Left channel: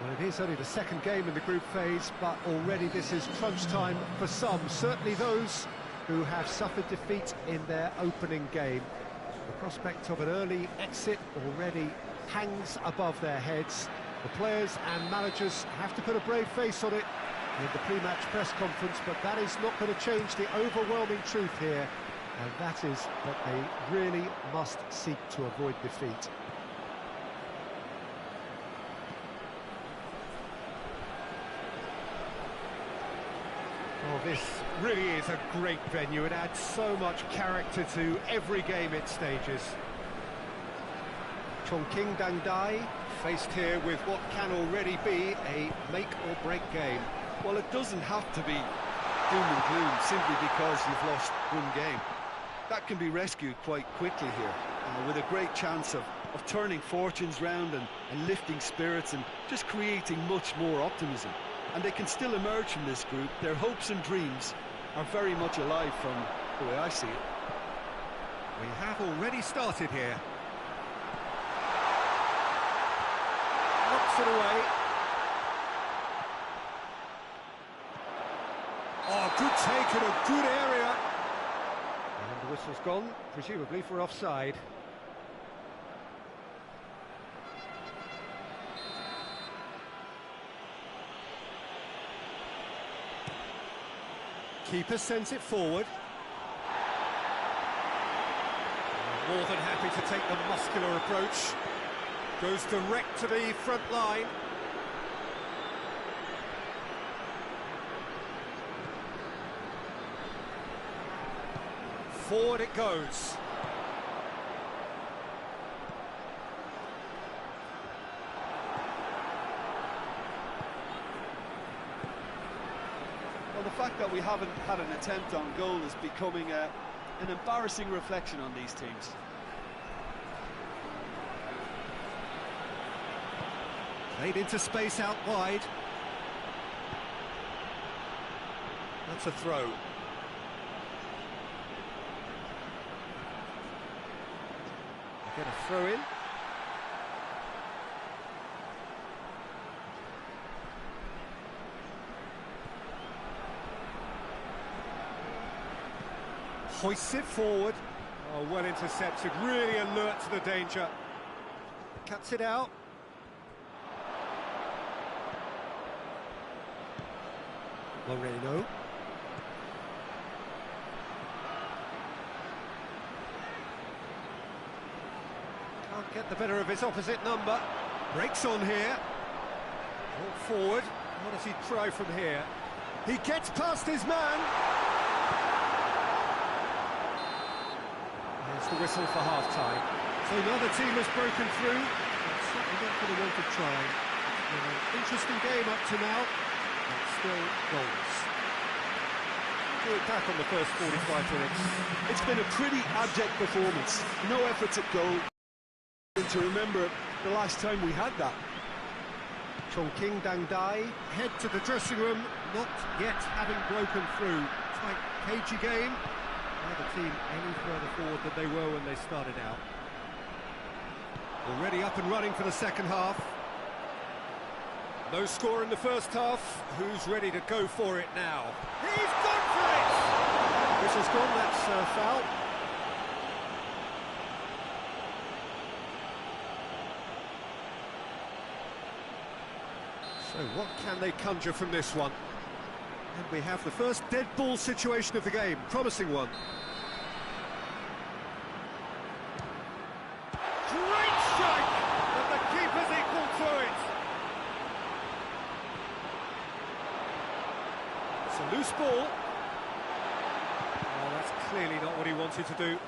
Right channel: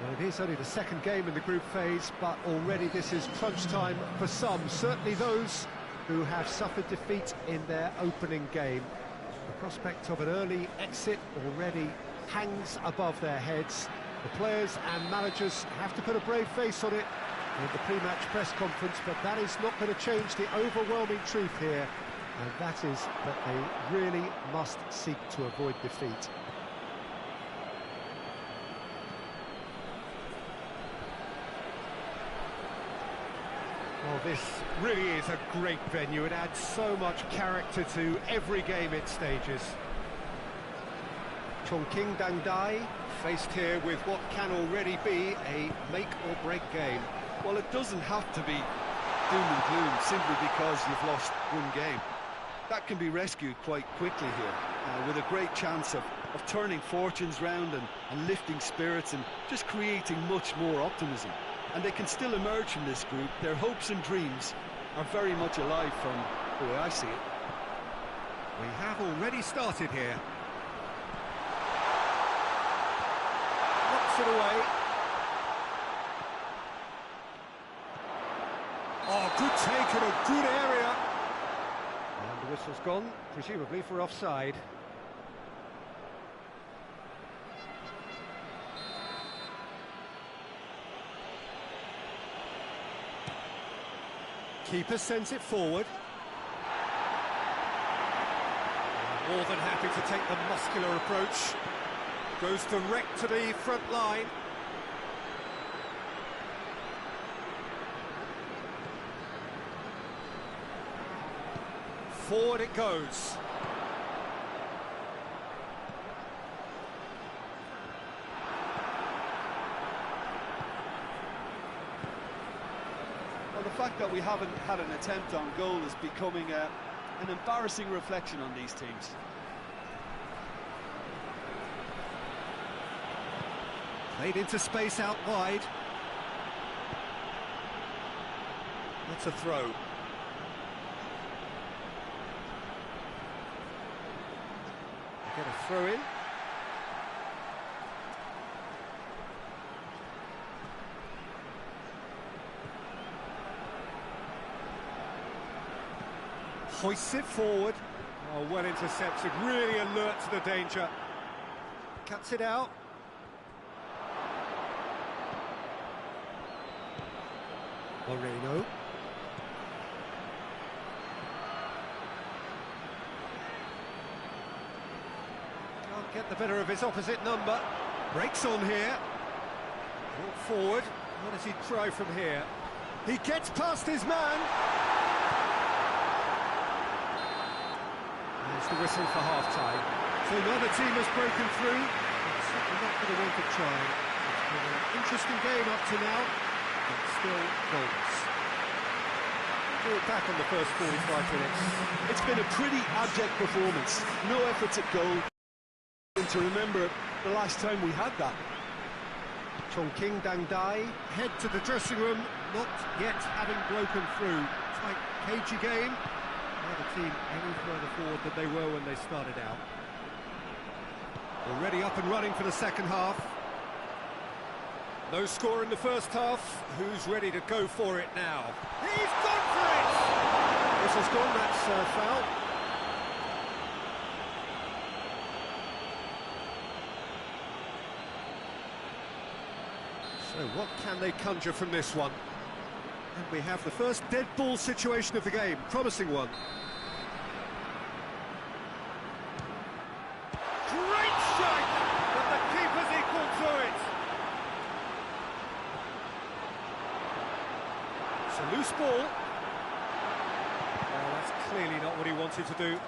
Well, it is only the second game in the group phase, but already this is crunch time for some, certainly those who have suffered defeat in their opening game. The prospect of an early exit already hangs above their heads. The players and managers have to put a brave face on it in the pre-match press conference, but that is not going to change the overwhelming truth here, and that is that they really must seek to avoid defeat. Well, this really is a great venue. It adds so much character to every game it stages. CHONGQUING DANGDAI faced here with what can already be a make-or-break game. Well, it doesn't have to be doom and gloom simply because you've lost one game. That can be rescued quite quickly here, with a great chance of turning fortunes round and lifting spirits and just creating much more optimism. And they can still emerge from this group. Their hopes and dreams are very much alive from the way I see it. We have already started here. Knocks it away. Oh, good take in a good area. And the whistle's gone, presumably for offside. Keeper sends it forward. More than happy to take the muscular approach. Goes direct to the front line. Forward it goes. Well, the fact that we haven't had an attempt on goal is becoming an embarrassing reflection on these teams. Played into space out wide. That's a throw. They get a throw in. Hoists it forward. Oh, well intercepted, really alert to the danger. Cuts it out. Moreno. Can't get the better of his opposite number. Breaks on here. Brought forward. What does he try from here? He gets past his man. There's the whistle for half-time. So another team has broken through, but certainly not for the want of trying. It's been an interesting game up to now, but still goals. We'll do it back on the first 45 minutes. It's been a pretty abject performance. No efforts at goal. And to remember the last time we had that. CHONGQUING DANGDAI head to the dressing room, not yet having broken through. Tight, cagey game. The team any further forward than they were when they started out. Already up and running for the second half. No score in the first half. Who's ready to go for it now? He's gone for it! Whistle's gone, that's foul. So what can they conjure from this one? And we have the first dead ball situation of the game, promising one. Great strike! But the keeper's equal to it. It's a loose ball. Oh, that's clearly not what he wanted to do.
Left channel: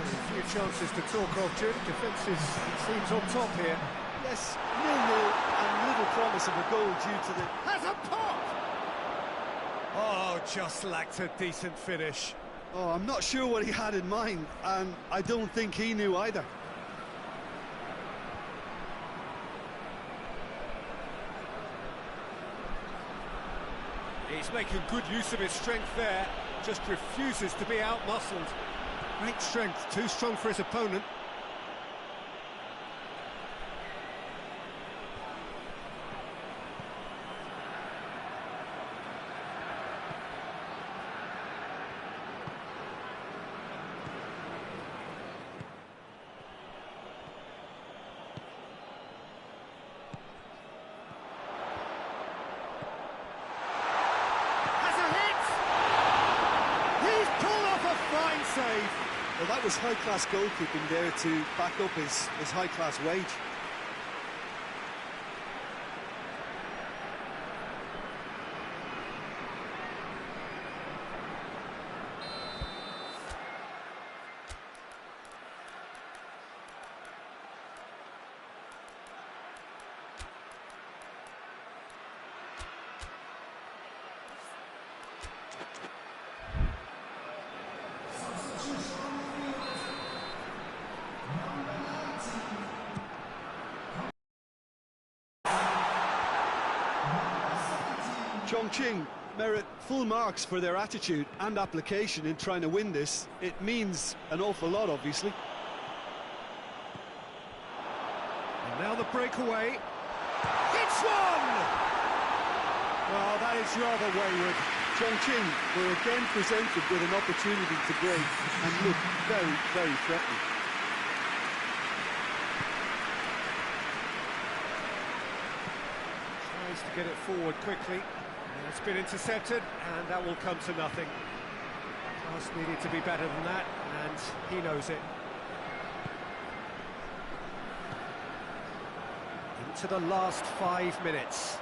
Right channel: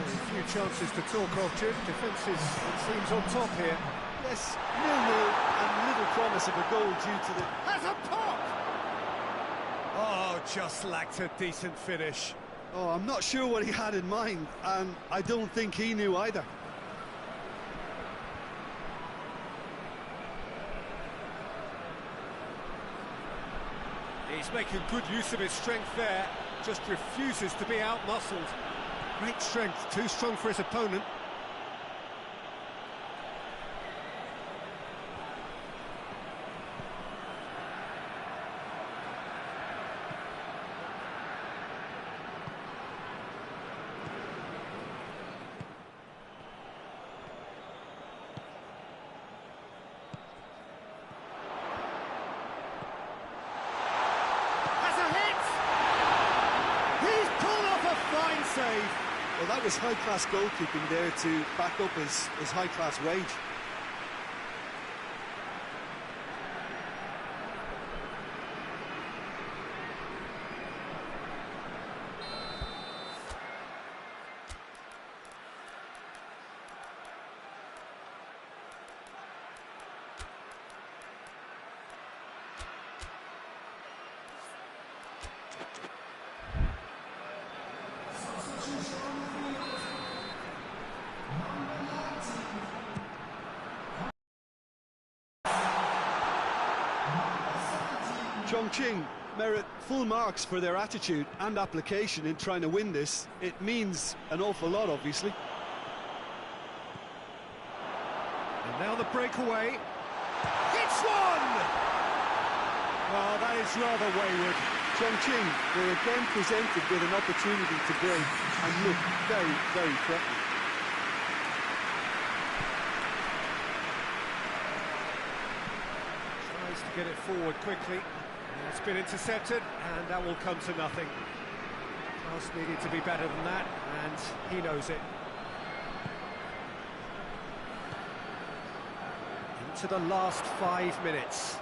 A few chances to talk of, Jim. Defence is, it seems, on top here. Yes, 0-0 and little promise of a goal due to the... Has a pop! Oh, just lacked a decent finish. Oh, I'm not sure what he had in mind, and I don't think he knew either. He's making good use of his strength there. just refuses to be out-muscled. Great strength, too strong for his opponent. Fine save. Well, that was high-class goalkeeping there to back up his high-class wage. Chongqing merit full marks for their attitude and application in trying to win this. It means an awful lot, obviously. And now the breakaway. It's one! Well, that is rather wayward. Chongqing were again presented with an opportunity to break and look very, very threatening. Tries to get it forward quickly. It's been intercepted, and that will come to nothing. Pass needed to be better than that, and he knows it. Into the last 5 minutes.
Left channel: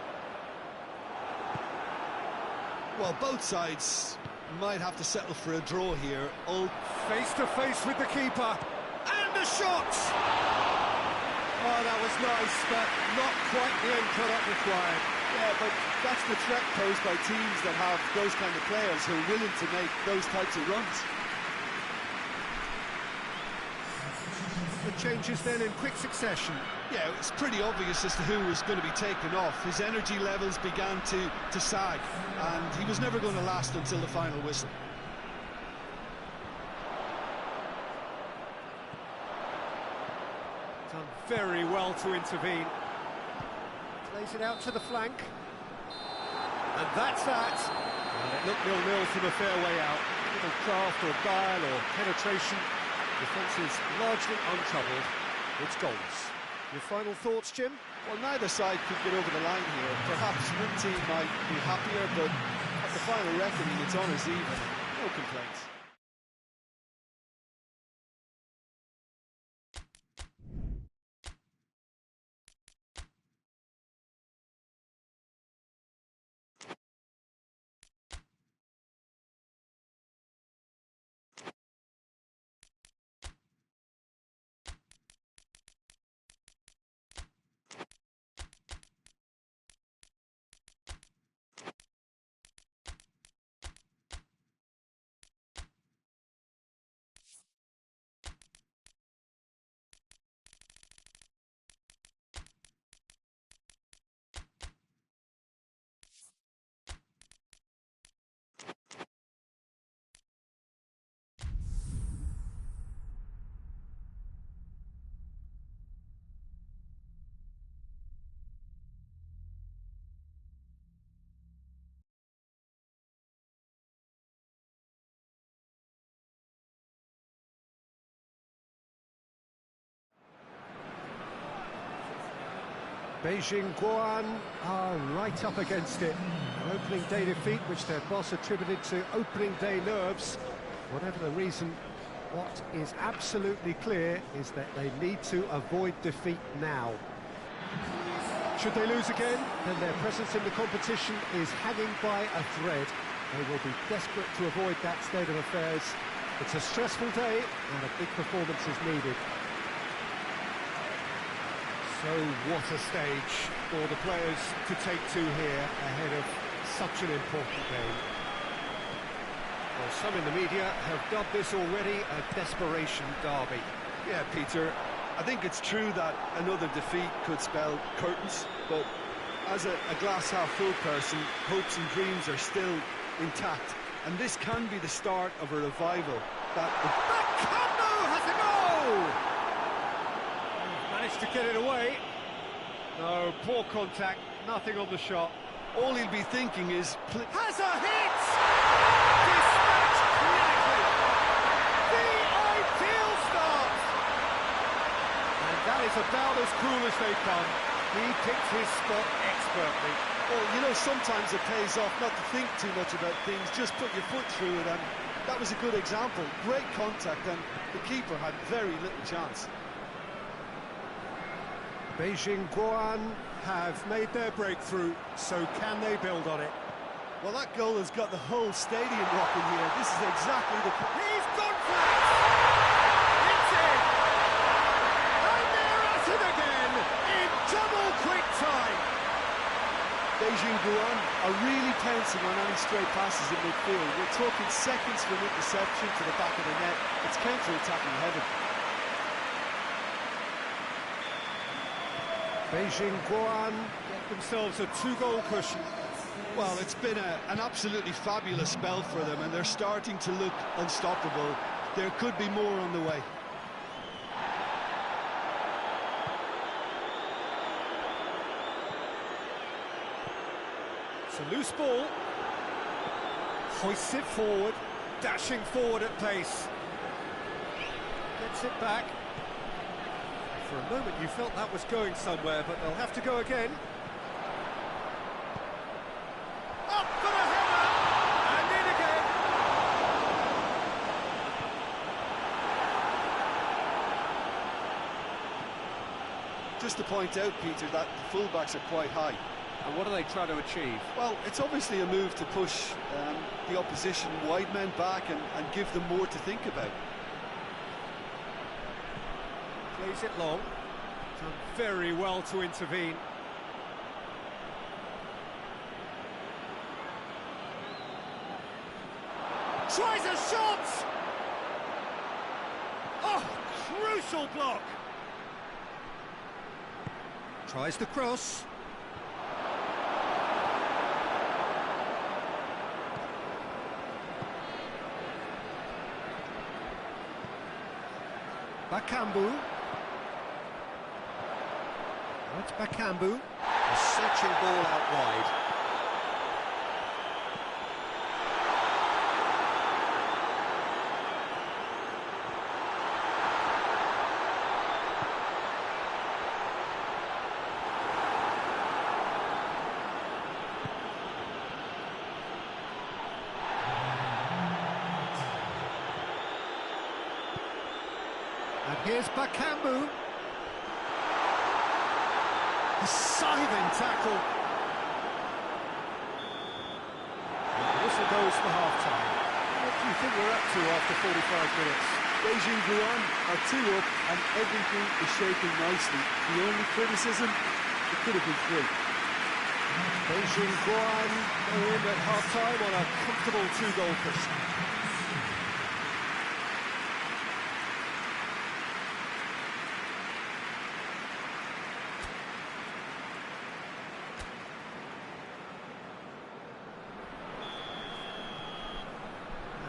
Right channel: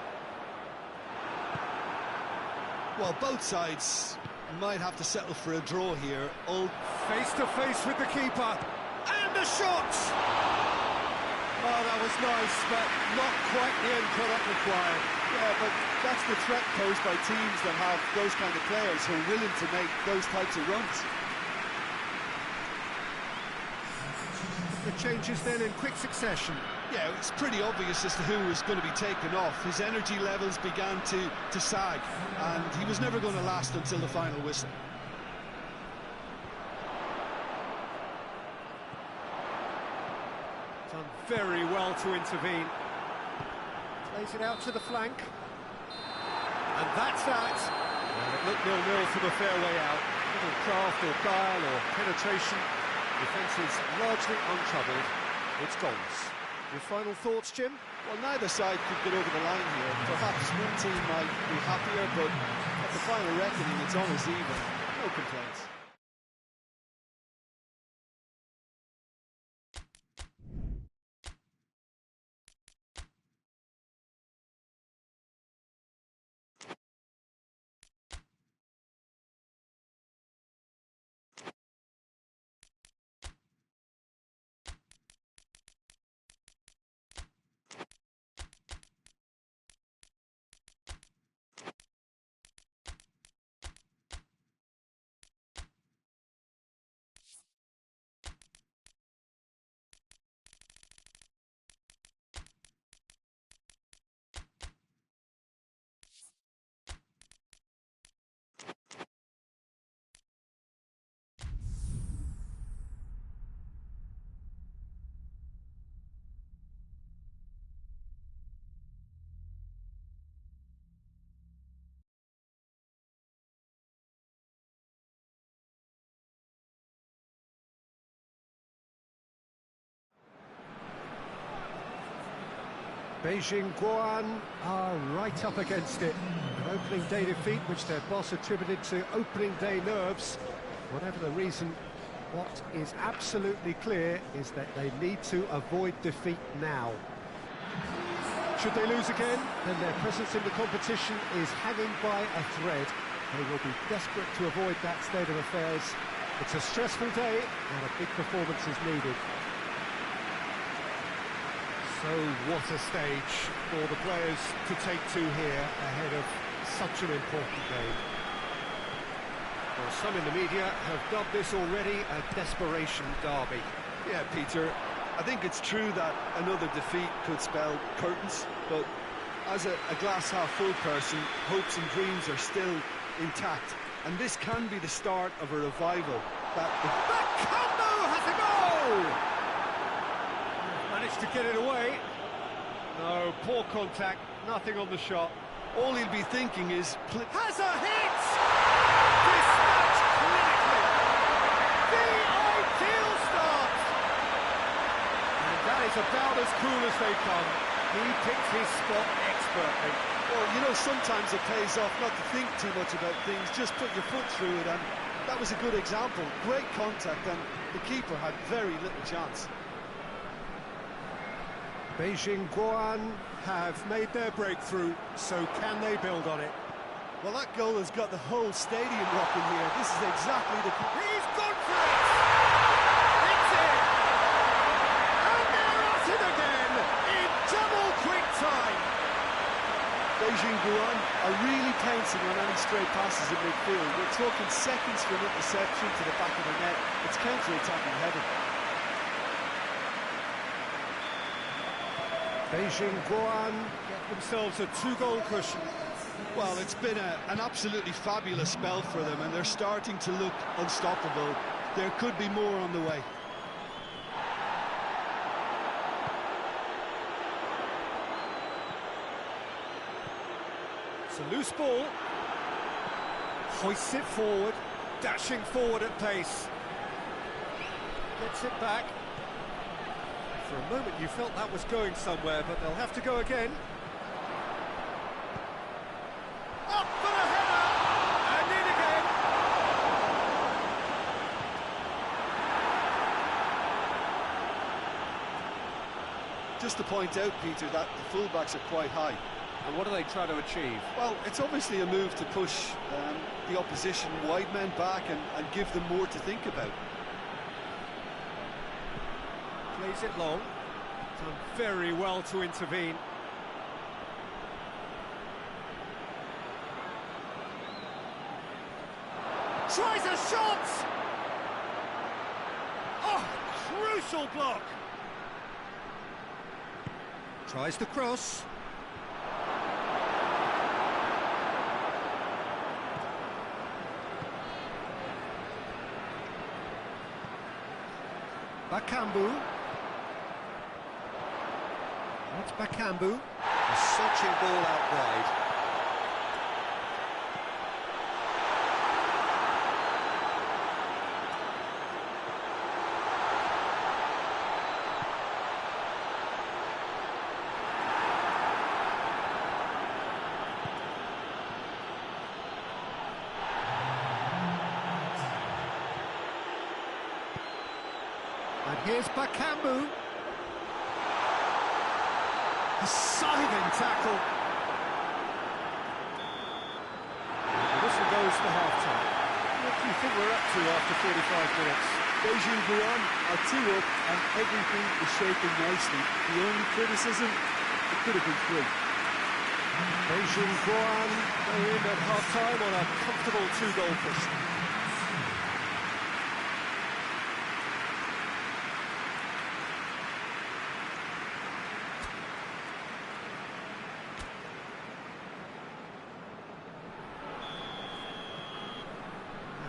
Well, both sides might have to settle for a draw here. All face to face with the keeper, and a shot! Oh, that was nice, but not quite the end product required. Yeah, but that's the threat posed by teams that have those kind of players who are willing to make those types of runs. The changes then in quick succession. Yeah, it's pretty obvious as to who was going to be taken off. His energy levels began to sag, and he was never going to last until the final whistle. Done very well to intervene. Plays it out to the flank. And that's that. Well, it looked 0-0 from a fair way out. Little craft or guile or penetration. Defence is largely untroubled. It's goals. Your final thoughts, Jim? Well, neither side could get over the line here. Perhaps one team might be happier, but at the final reckoning, it's honours even. No complaints. Beijing GUOAN are right up against it. An opening day defeat which their boss attributed to opening day nerves. Whatever the reason, what is absolutely clear is that they need to avoid defeat now. Should they lose again, then their presence in the competition is hanging by a thread. They will be desperate to avoid that state of affairs. It's a stressful day and a big performance is needed. So what a stage for the players to take to here ahead of such an important game. Well, some in the media have dubbed this already a desperation derby. Yeah, Peter, I think it's true that another defeat could spell curtains, but as a glass-half-full person, hopes and dreams are still intact. And this can be the start of a revival. That combo has a goal! Managed to get it away. No, poor contact, nothing on the shot. All he'll be thinking is... Has a hit! Dispatched clinically! The ideal start! And that is about as cool as they come. He picked his spot expertly. Well, you know, sometimes it pays off not to think too much about things, just put your foot through it, and that was a good example. Great contact, and the keeper had very little chance. Beijing GUOAN have made their breakthrough, so can they build on it? Well, that goal has got the whole stadium rocking here. This is exactly the... He's gone for it! It's in! And they're at it again in double quick time! Beijing GUOAN are really pouncing on any stray passes in midfield. We're talking seconds from interception to the back of the net. It's counter-attacking heaven. Beijing GUOAN get themselves a 2-goal cushion. Well, it's been an absolutely fabulous spell for them, and they're starting to look unstoppable. There could be more on the way. It's a loose ball. Hoists it forward, dashing forward at pace. Gets it back. For a moment you felt that was going somewhere, but they'll have to go again. Up for the header! And in again! Just to point out, Peter, that the fullbacks are quite high. And what are they trying to achieve? Well, it's obviously a move to push the opposition wide men back and give them more to think about. Plays it long. Done very well to intervene. Tries a shot! Oh, crucial block! Tries the cross. Bakambu. That's Bakambu. A searching ball out wide. And here's Bakambu. A scything tackle. And the whistle goes for half-time. What do you think we're up to after 45 minutes? Beijing GUOAN are 2 up and everything is shaping nicely. The only criticism, it could have been 3. Beijing GUOAN go in at half-time on a comfortable 2-goal cushion.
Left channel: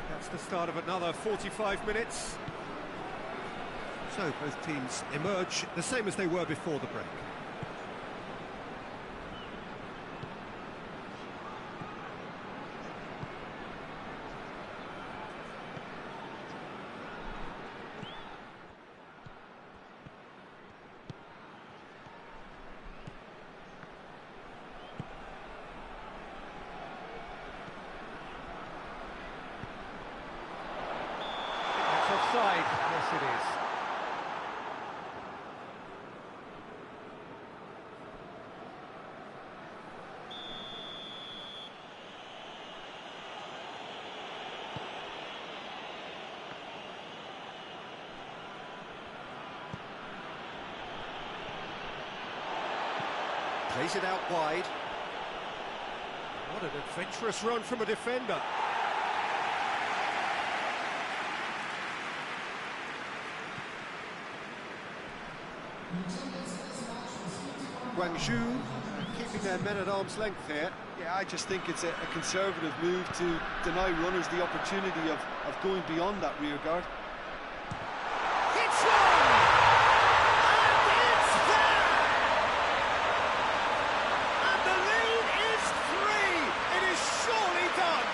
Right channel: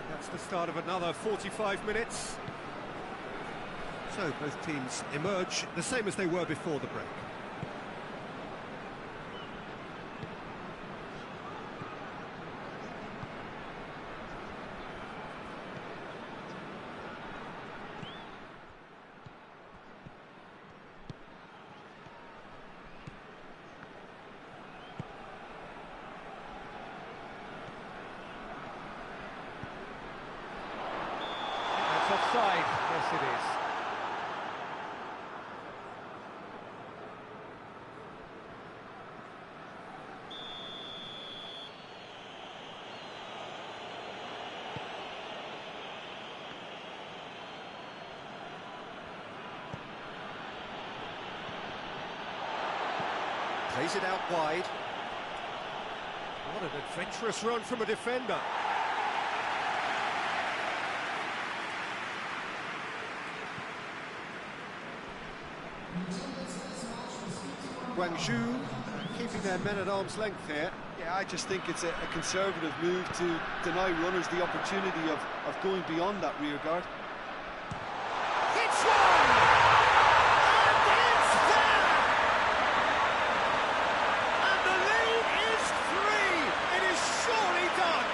That's the start of another 45 minutes. So both teams emerge the same as they were before the break. Offside, yes it is. Plays it out wide. What an adventurous run from a defender. Guangzhou keeping their men at arm's length here. Yeah, I just think it's a conservative move to deny runners the opportunity of going beyond that rear guard. Hits one! And it's there! And the lead is 3! It is surely done!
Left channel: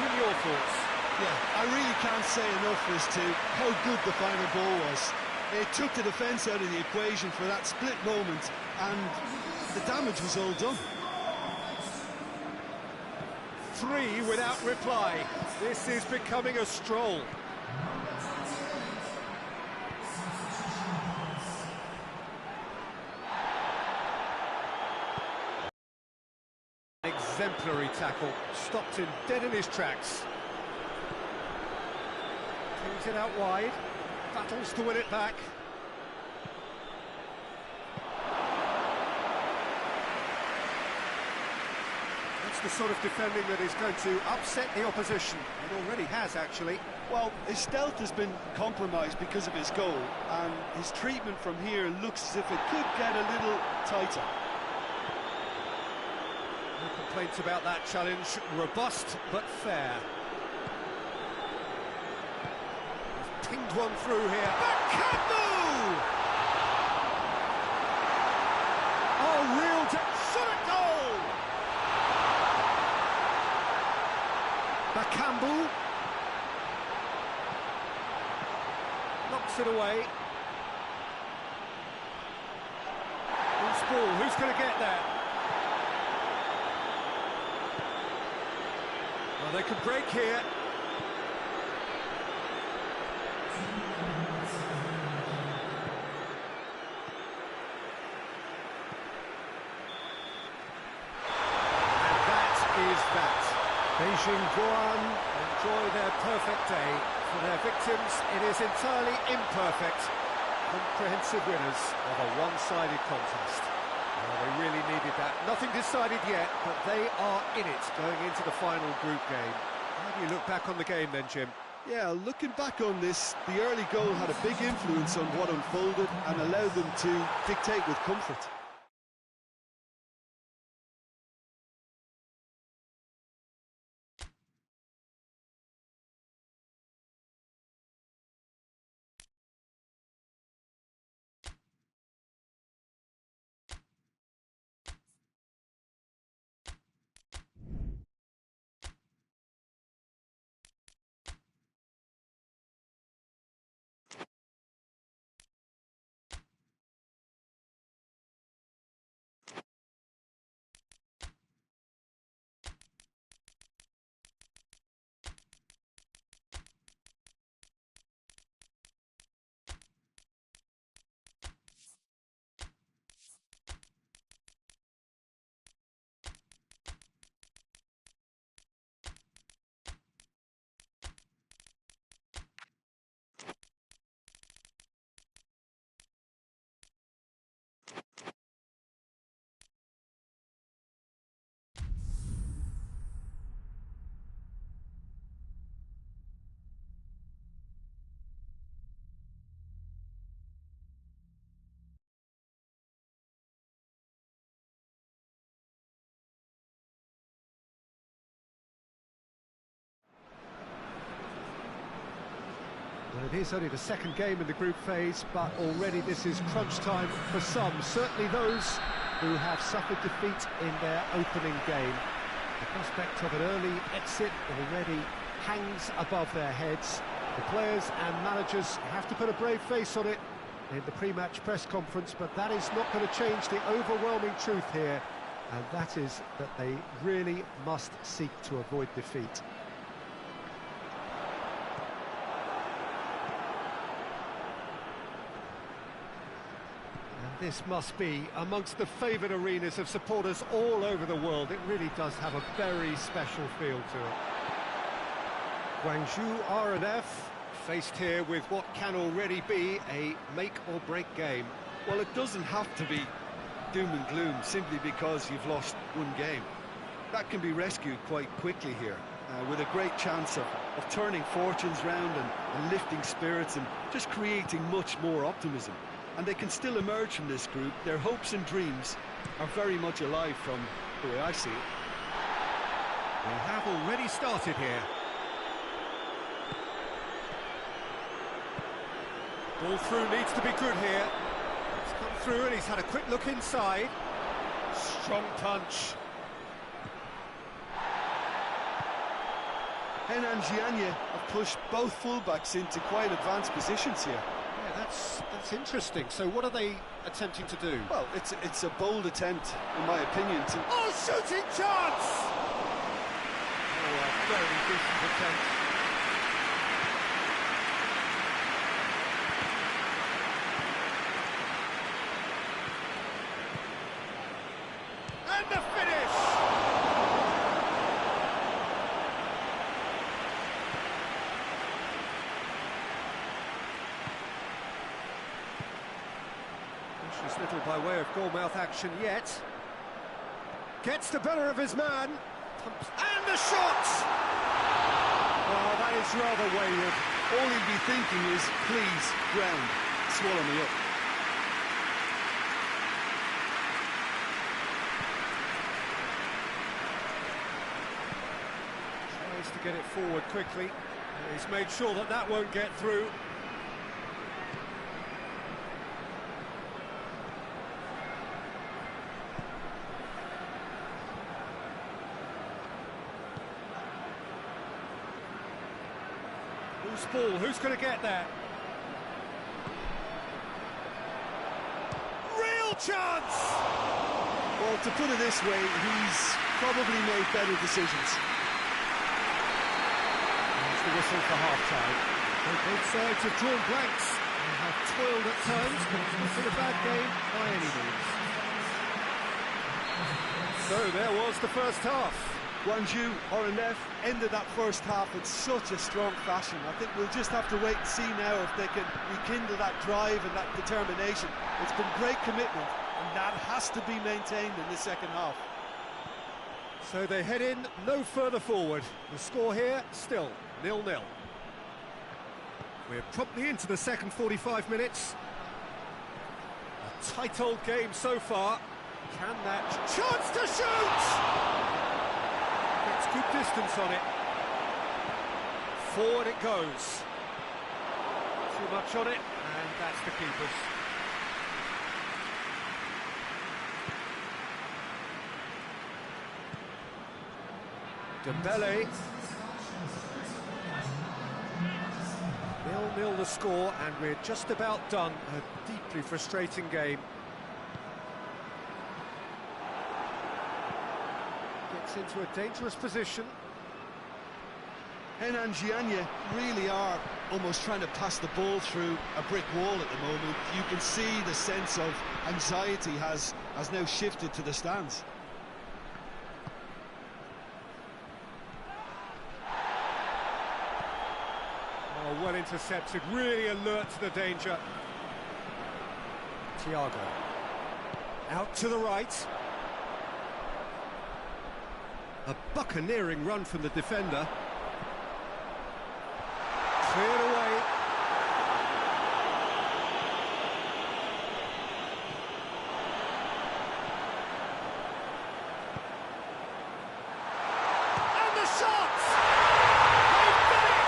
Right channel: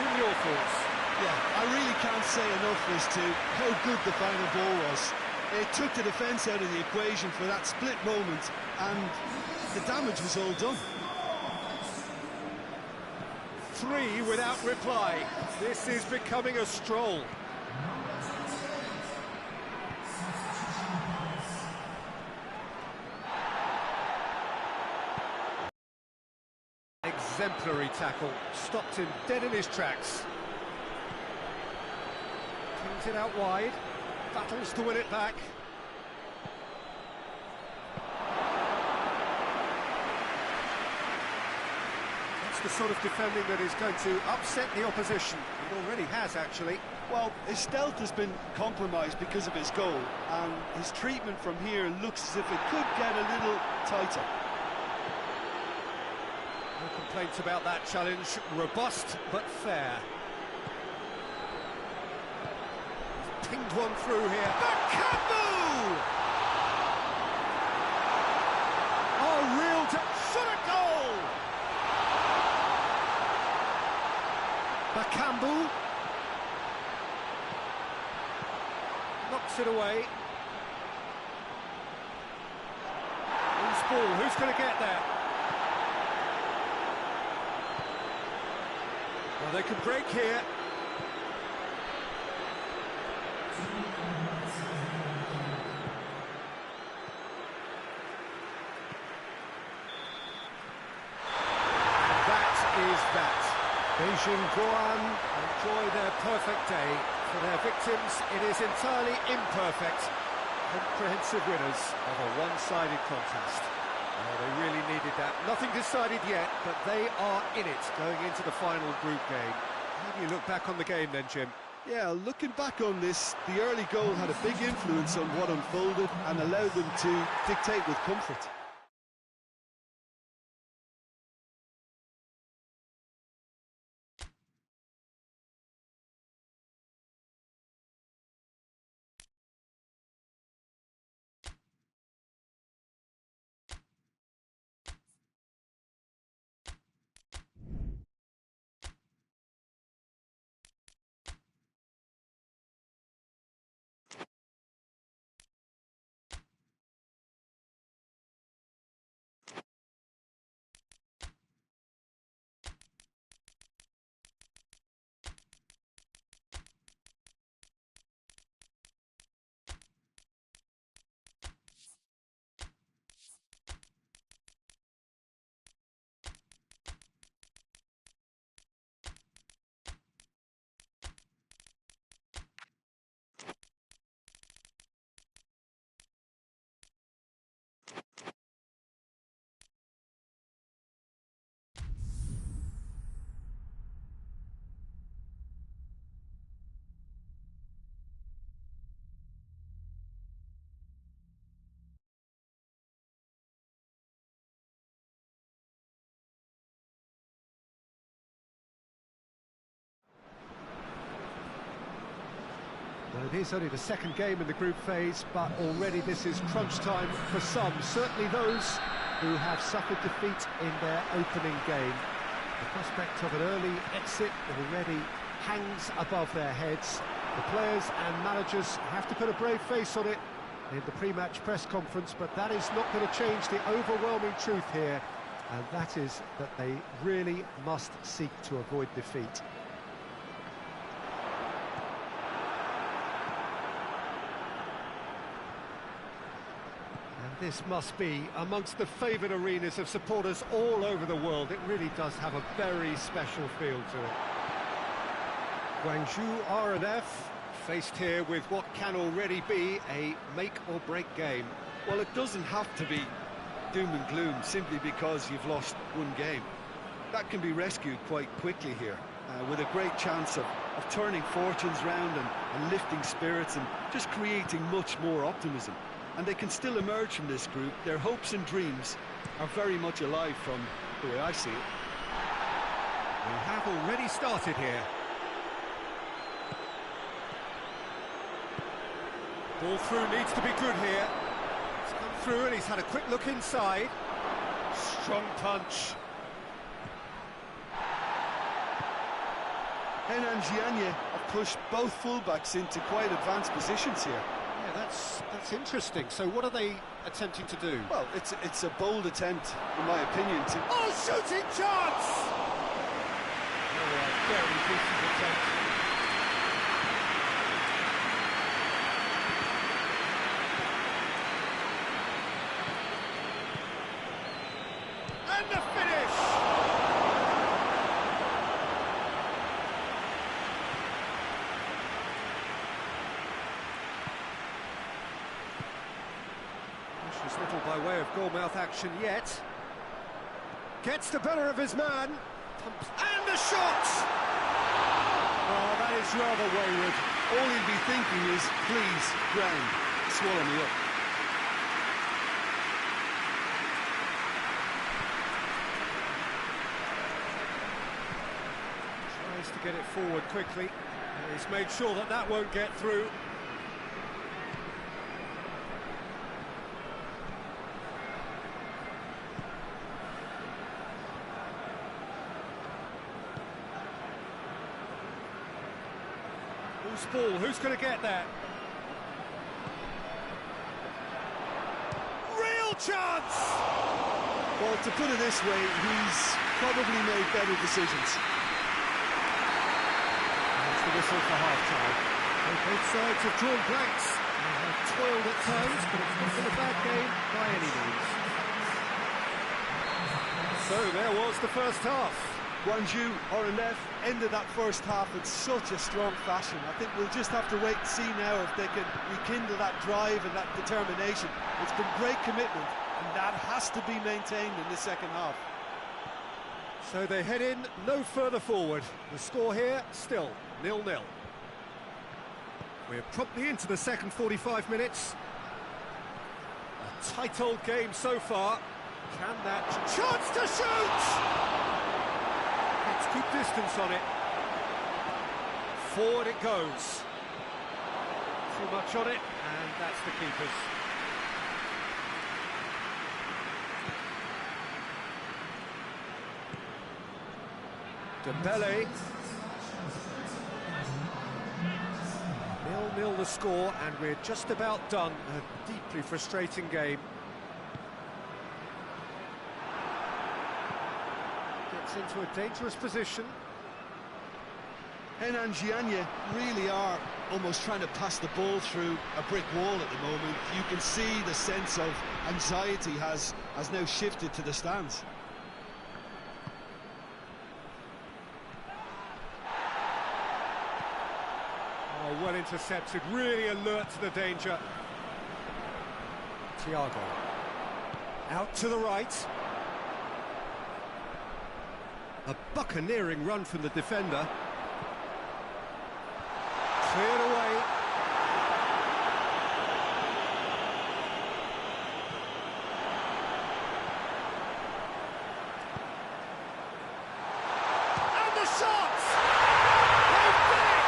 Jim, your thoughts? Yeah, I really can't say enough as to how good the final ball was. It took the defence out of the equation for that split moment, and the damage was all done. 3 without reply. This is becoming a stroll. Exemplary tackle, stopped him dead in his tracks. Cleans it out wide, battles to win it back. That's the sort of defending that is going to upset the opposition. It already has, actually. Well, his stealth has been compromised because of his goal, and his treatment from here looks as if it could get a little tighter. No complaints about that challenge. Robust, but fair. He's pinged one through here. Bakambu! Oh, real shot at goal! Bakambu knocks it away. Who's ball? Who's going to get there? Well, they could break here. And that is that. Beijing GUOAN enjoy their perfect day. For their victims, it is entirely imperfect. Comprehensive winners of a one-sided contest. Well, they really needed that. Nothing decided yet, but they are in it going into the final group game. How do you look back on the game then, Jim? Yeah, looking back on this, the early goal had a big influence on what unfolded and allowed them to dictate with comfort. Well, it is only the second game in the group phase, but already this is crunch time for some. Certainly those who have suffered defeat in their opening game. The prospect of an early exit already hangs above their heads. The players and managers have to put a brave face on it in the pre-match press conference, but that is not going to change the overwhelming truth here, and that is that they really must seek to avoid defeat. This must be amongst the favoured arenas of supporters all over the world. It really does have a very special feel to it. Guangzhou R&F faced here with what can already be a make-or-break game. Well, it doesn't have to be doom and gloom simply because you've lost one game. That can be rescued quite quickly here, with a great chance of turning fortunes round and lifting spirits and just creating much more optimism. And they can still emerge from this group. Their hopes and dreams are very much alive from the way I see it. We have already started here. Ball through needs to be good here. He's come through and he's had a quick look inside. Strong punch. HENAN and JIANYE have pushed both fullbacks into quite advanced positions here. Yeah, that's interesting. So what are they attempting to do? Well, it's a bold attempt, in my opinion, to... Oh, shooting chance! Oh, a very decent attempt. And the finish! Precious little by way of goalmouth action yet. Gets the better of his man. And the shot! Oh, that is rather wayward. All he'll be thinking is, please, ground, swallow me up. Tries to get it forward quickly. He's made sure that that won't get through. Loose ball, who's going to get that? Real chance! Well, to put it this way, he's probably made better decisions. There's the whistle for half-time. Both sides have drawn blanks. They have toiled at times, but it's not been a bad game by any means. So there was the first half. Guangzhou, RNF, ended that first half in such a strong fashion. I think we'll just have to wait and see now if they can rekindle that drive and that determination. It's been great commitment, and that has to be maintained in the second half. So they head in no further forward. The score here, still 0-0. We're promptly into the second 45 minutes. A tight old game so far. Can that... Chance to shoot! Gets good distance on it. Forward it goes. Too much on it, and that's the keeper's. Dembele. 0-0 the score, and we're just about done. A deeply frustrating game. Gets into a dangerous position. HENAN and JIANYE really are almost trying to pass the ball through a brick wall at the moment. You can see the sense of anxiety has now shifted to the stands. Oh, well intercepted, really alert to the danger. Thiago. Out to the right. A buccaneering run from the defender. Cleared away. And the shot! They've done it!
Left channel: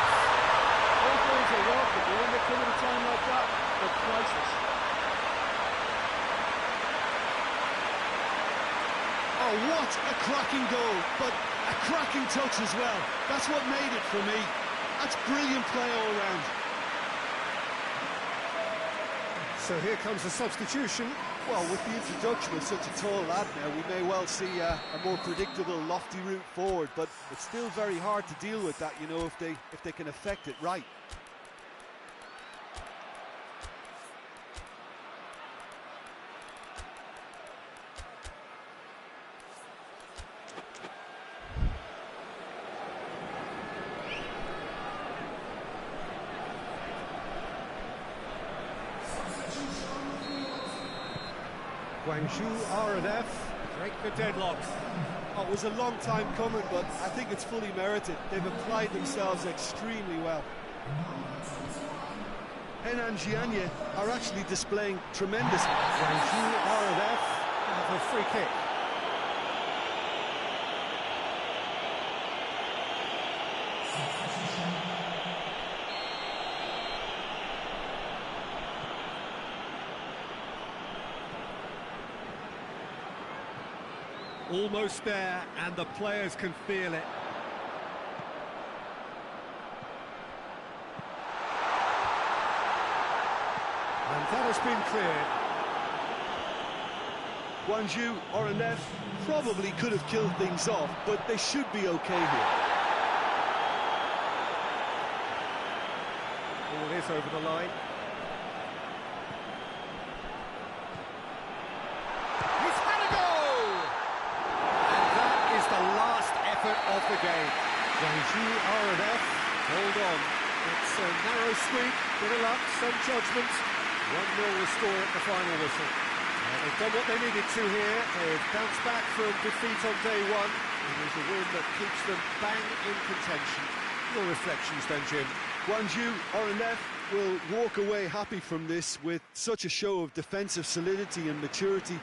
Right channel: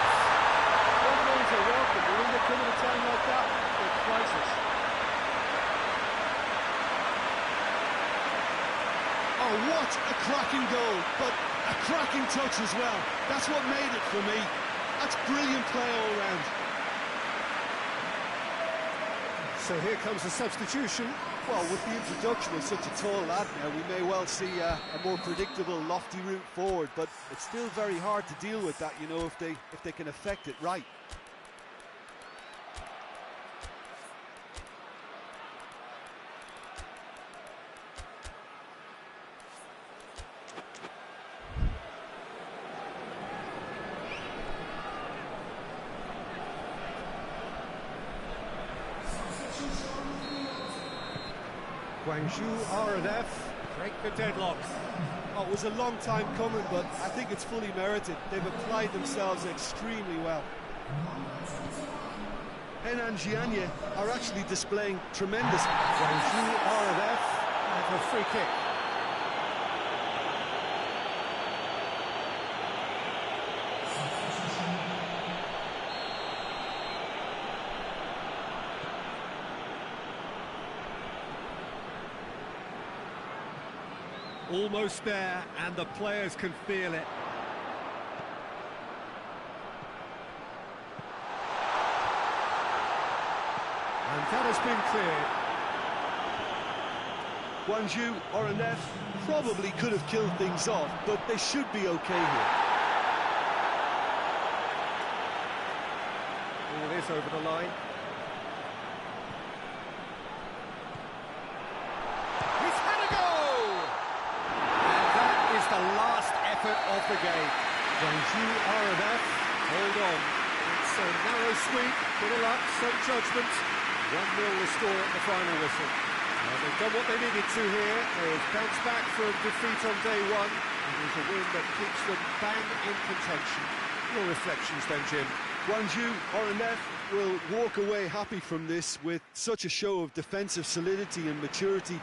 All goals are welcome, but when they come at a time like that, they're priceless. Oh, what a cracking goal, but a cracking touch as well. That's what made it for me. That's brilliant play all round. So here comes the substitution. Well, with the introduction of such a tall lad now, we may well see a more predictable, lofty route forward, but it's still very hard to deal with that, you know, if they can affect it right. Guangzhou RNF break the deadlock. Oh, it was a long time coming, but I think it's fully merited. They've applied themselves extremely well. HENAN and JIANYE are actually displaying tremendous... Guangzhou RNF have a free kick. Almost there, and the players can feel it. And that has been cleared. Guangzhou or an F probably could have killed things off, but they should be okay here. Ball is over the line. He's had a goal! And that is the last effort of the game. Guangzhou RNF, hold on. It's a narrow sweep, bit of luck, some judgment. 1-0 restore at the final whistle. They've done what they needed to here. They've bounced back from defeat on day one. It is a win that keeps them bang in contention. Your reflections then, Jim? Guangzhou or an F will walk away happy from this with such a show of defensive solidity and maturity.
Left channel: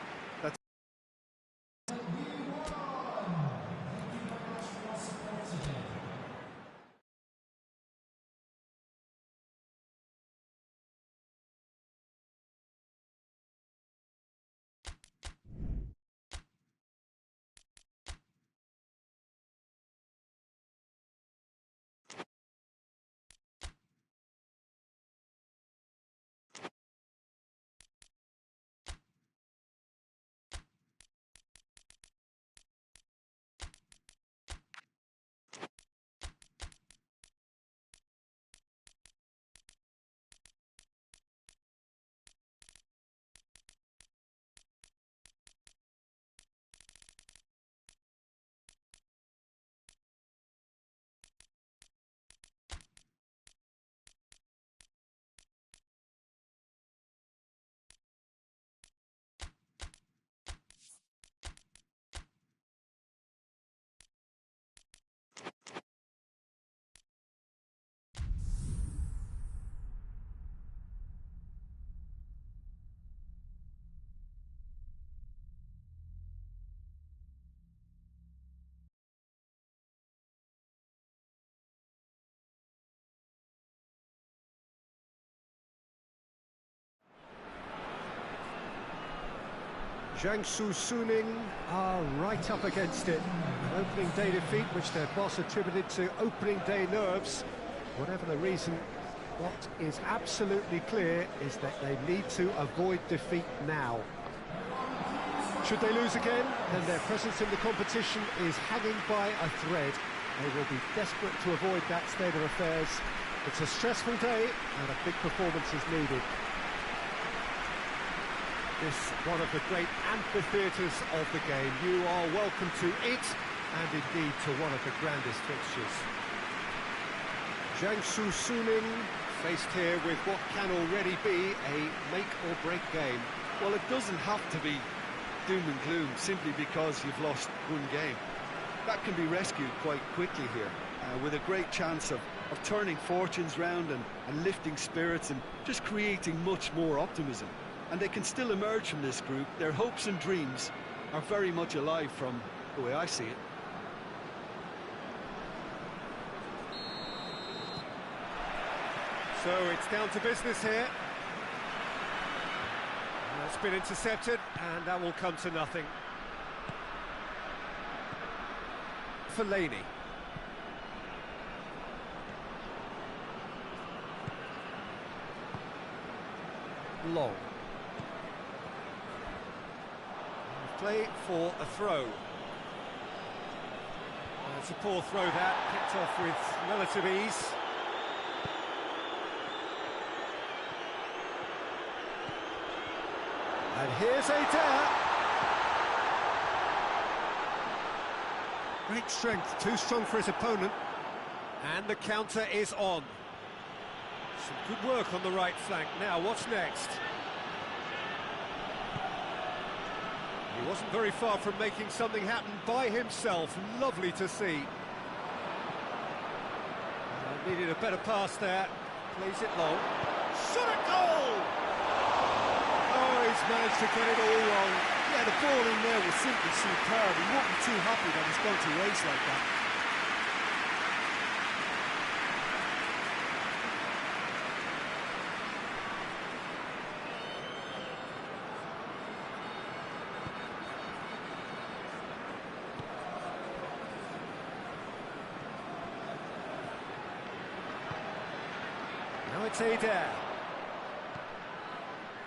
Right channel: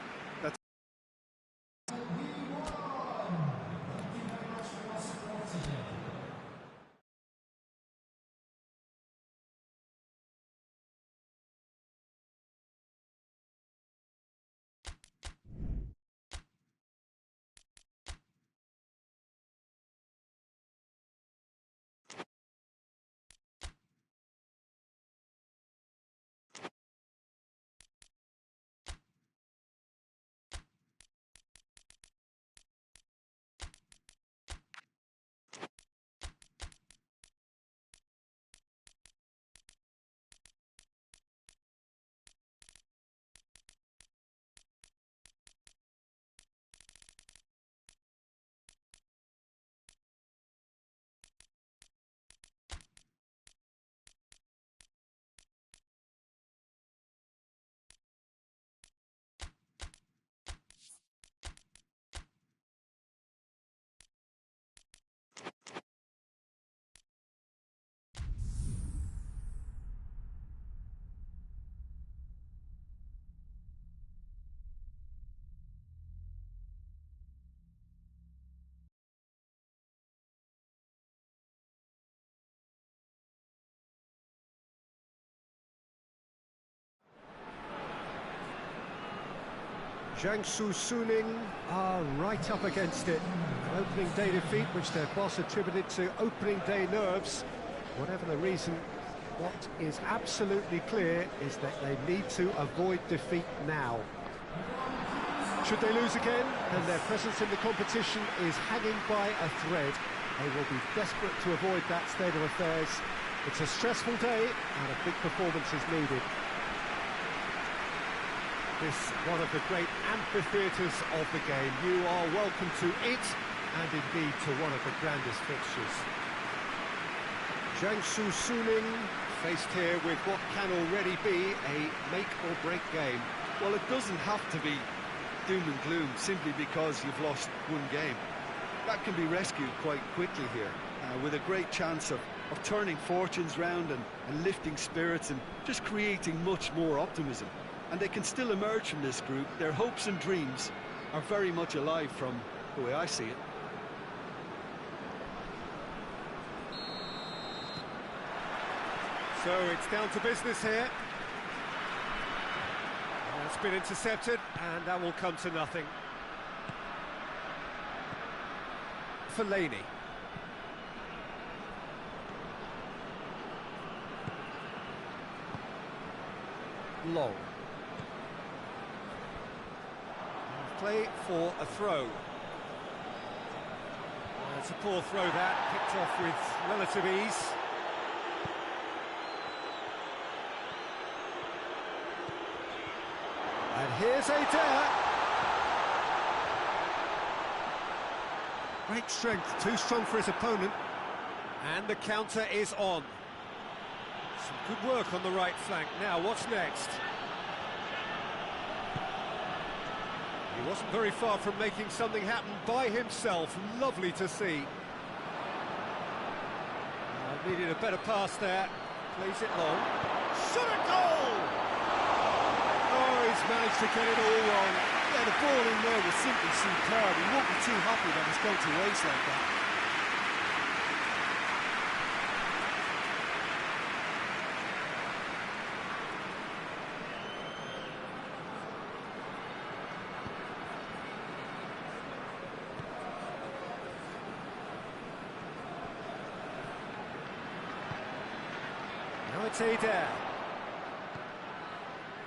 Jiangsu Suning are right up against it. An opening day defeat which their boss attributed to opening day nerves. Whatever the reason, what is absolutely clear is that they need to avoid defeat now. Should they lose again, then their presence in the competition is hanging by a thread. They will be desperate to avoid that state of affairs. It's a stressful day and a big performance is needed. This one of the great amphitheatres of the game. You are welcome to it, and indeed to one of the grandest fixtures. Jiangsu Suning faced here with what can already be a make-or-break game. Well, it doesn't have to be doom and gloom simply because you've lost one game. That can be rescued quite quickly here, with a great chance of turning fortunes round and lifting spirits and just creating much more optimism. And they can still emerge from this group. Their hopes and dreams are very much alive from the way I see it. So it's down to business here. That's been intercepted, and that will come to nothing. Fellaini. Long. Play for a throw. It's a poor throw that, picked off with relative ease. And here's HEBEI. Great strength, too strong for his opponent. And the counter is on. Some good work on the right flank. Now, what's next? He wasn't very far from making something happen by himself. Lovely to see. Needed a better pass there. Plays it long. Shot a goal! Oh, he's managed to get it all wrong. Yeah, the ball in there was simply superb. He won't be too happy that he's going to race like that. it's Adair.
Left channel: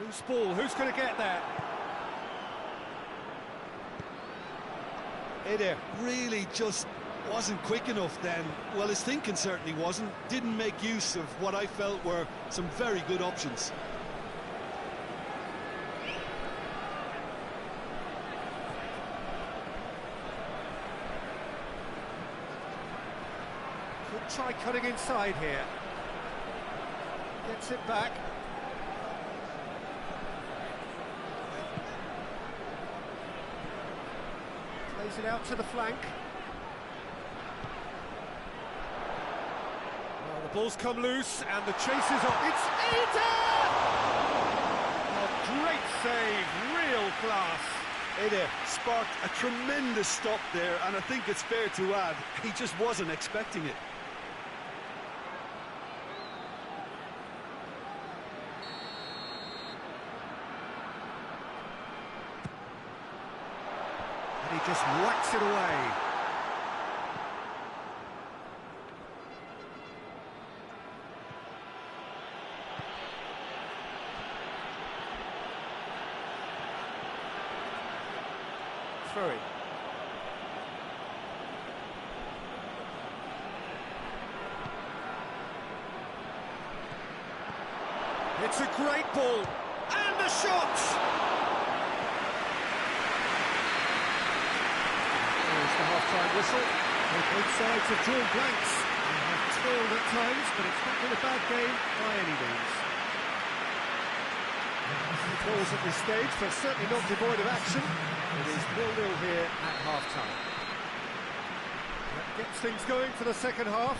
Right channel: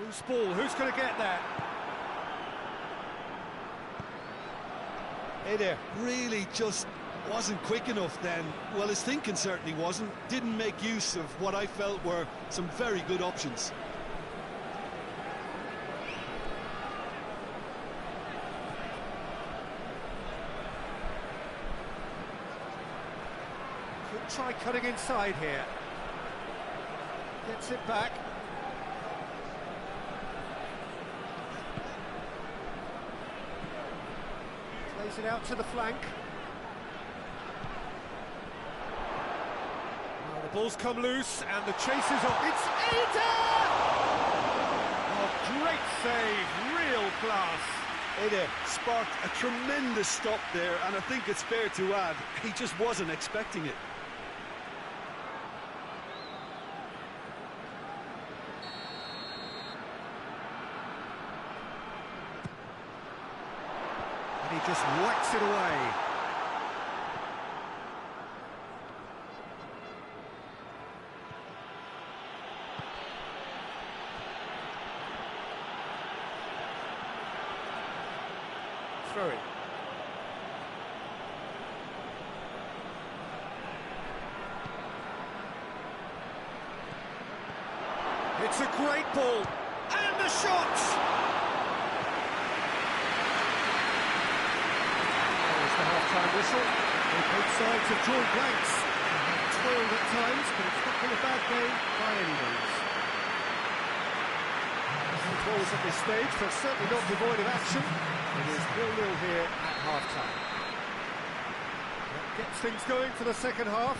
Loose ball, who's going to get that? Adair really just wasn't quick enough then. Well, his thinking certainly wasn't. Didn't make use of what I felt were some very good options. Could try cutting inside here. Gets it back. Plays it out to the flank. Well, the ball's come loose and the chase is on. It's Adair! Oh, great save, real class. Adair sparked a tremendous stop there, and I think it's fair to add, he just wasn't expecting it. And he just whacks it away. Throw it. It's a great ball. And a shot! There's the half-time whistle. Well, both sides have drawn blanks. They have toiled at times, but it's not been a bad game by any means. No goals at this stage, but certainly not devoid of action. It is 0-0 here at half-time. That gets things going for the second half.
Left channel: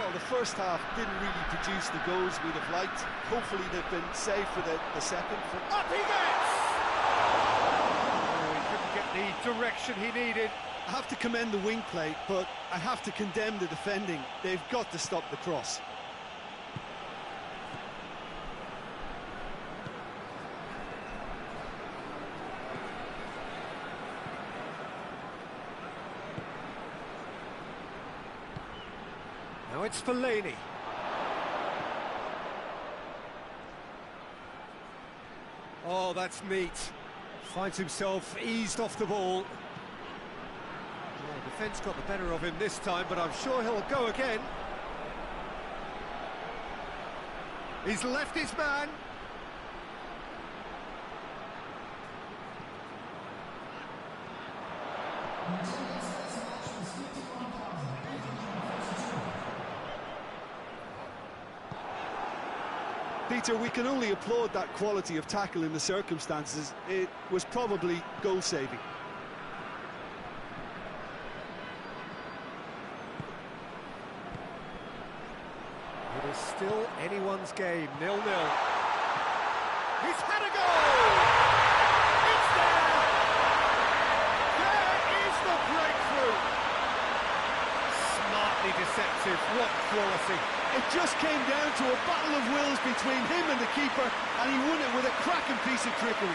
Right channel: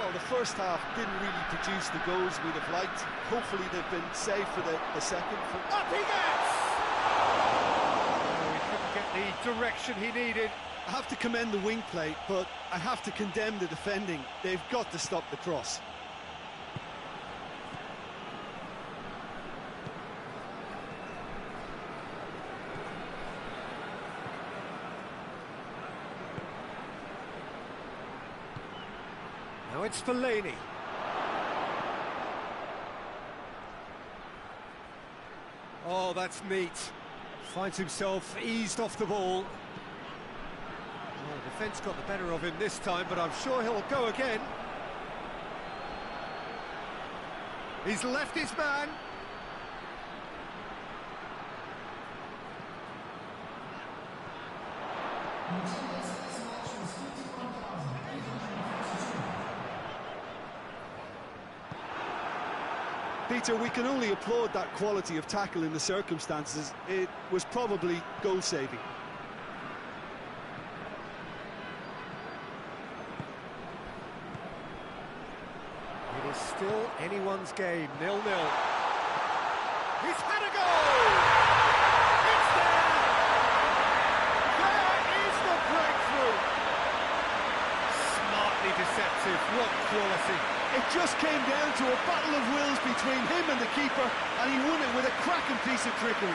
Well, the first half didn't really produce the goals we'd have liked. Hopefully they've been saved for the second. Up he gets! Oh, he couldn't get the direction he needed. I have to commend the wing play, but I have to condemn the defending. They've got to stop the cross. Now it's Fellaini. Oh, that's neat. Finds himself eased off the ball. Well, defence got the better of him this time, but I'm sure he'll go again. He's left his man. Peter, we can only applaud that quality of tackle in the circumstances. It was probably goal-saving. It is still anyone's game, 0-0. He's had a goal! It's there! There is the breakthrough! Smartly deceptive, what quality! It just came down to a battle of wills between him and the keeper, and he won it with a cracking piece of trickery.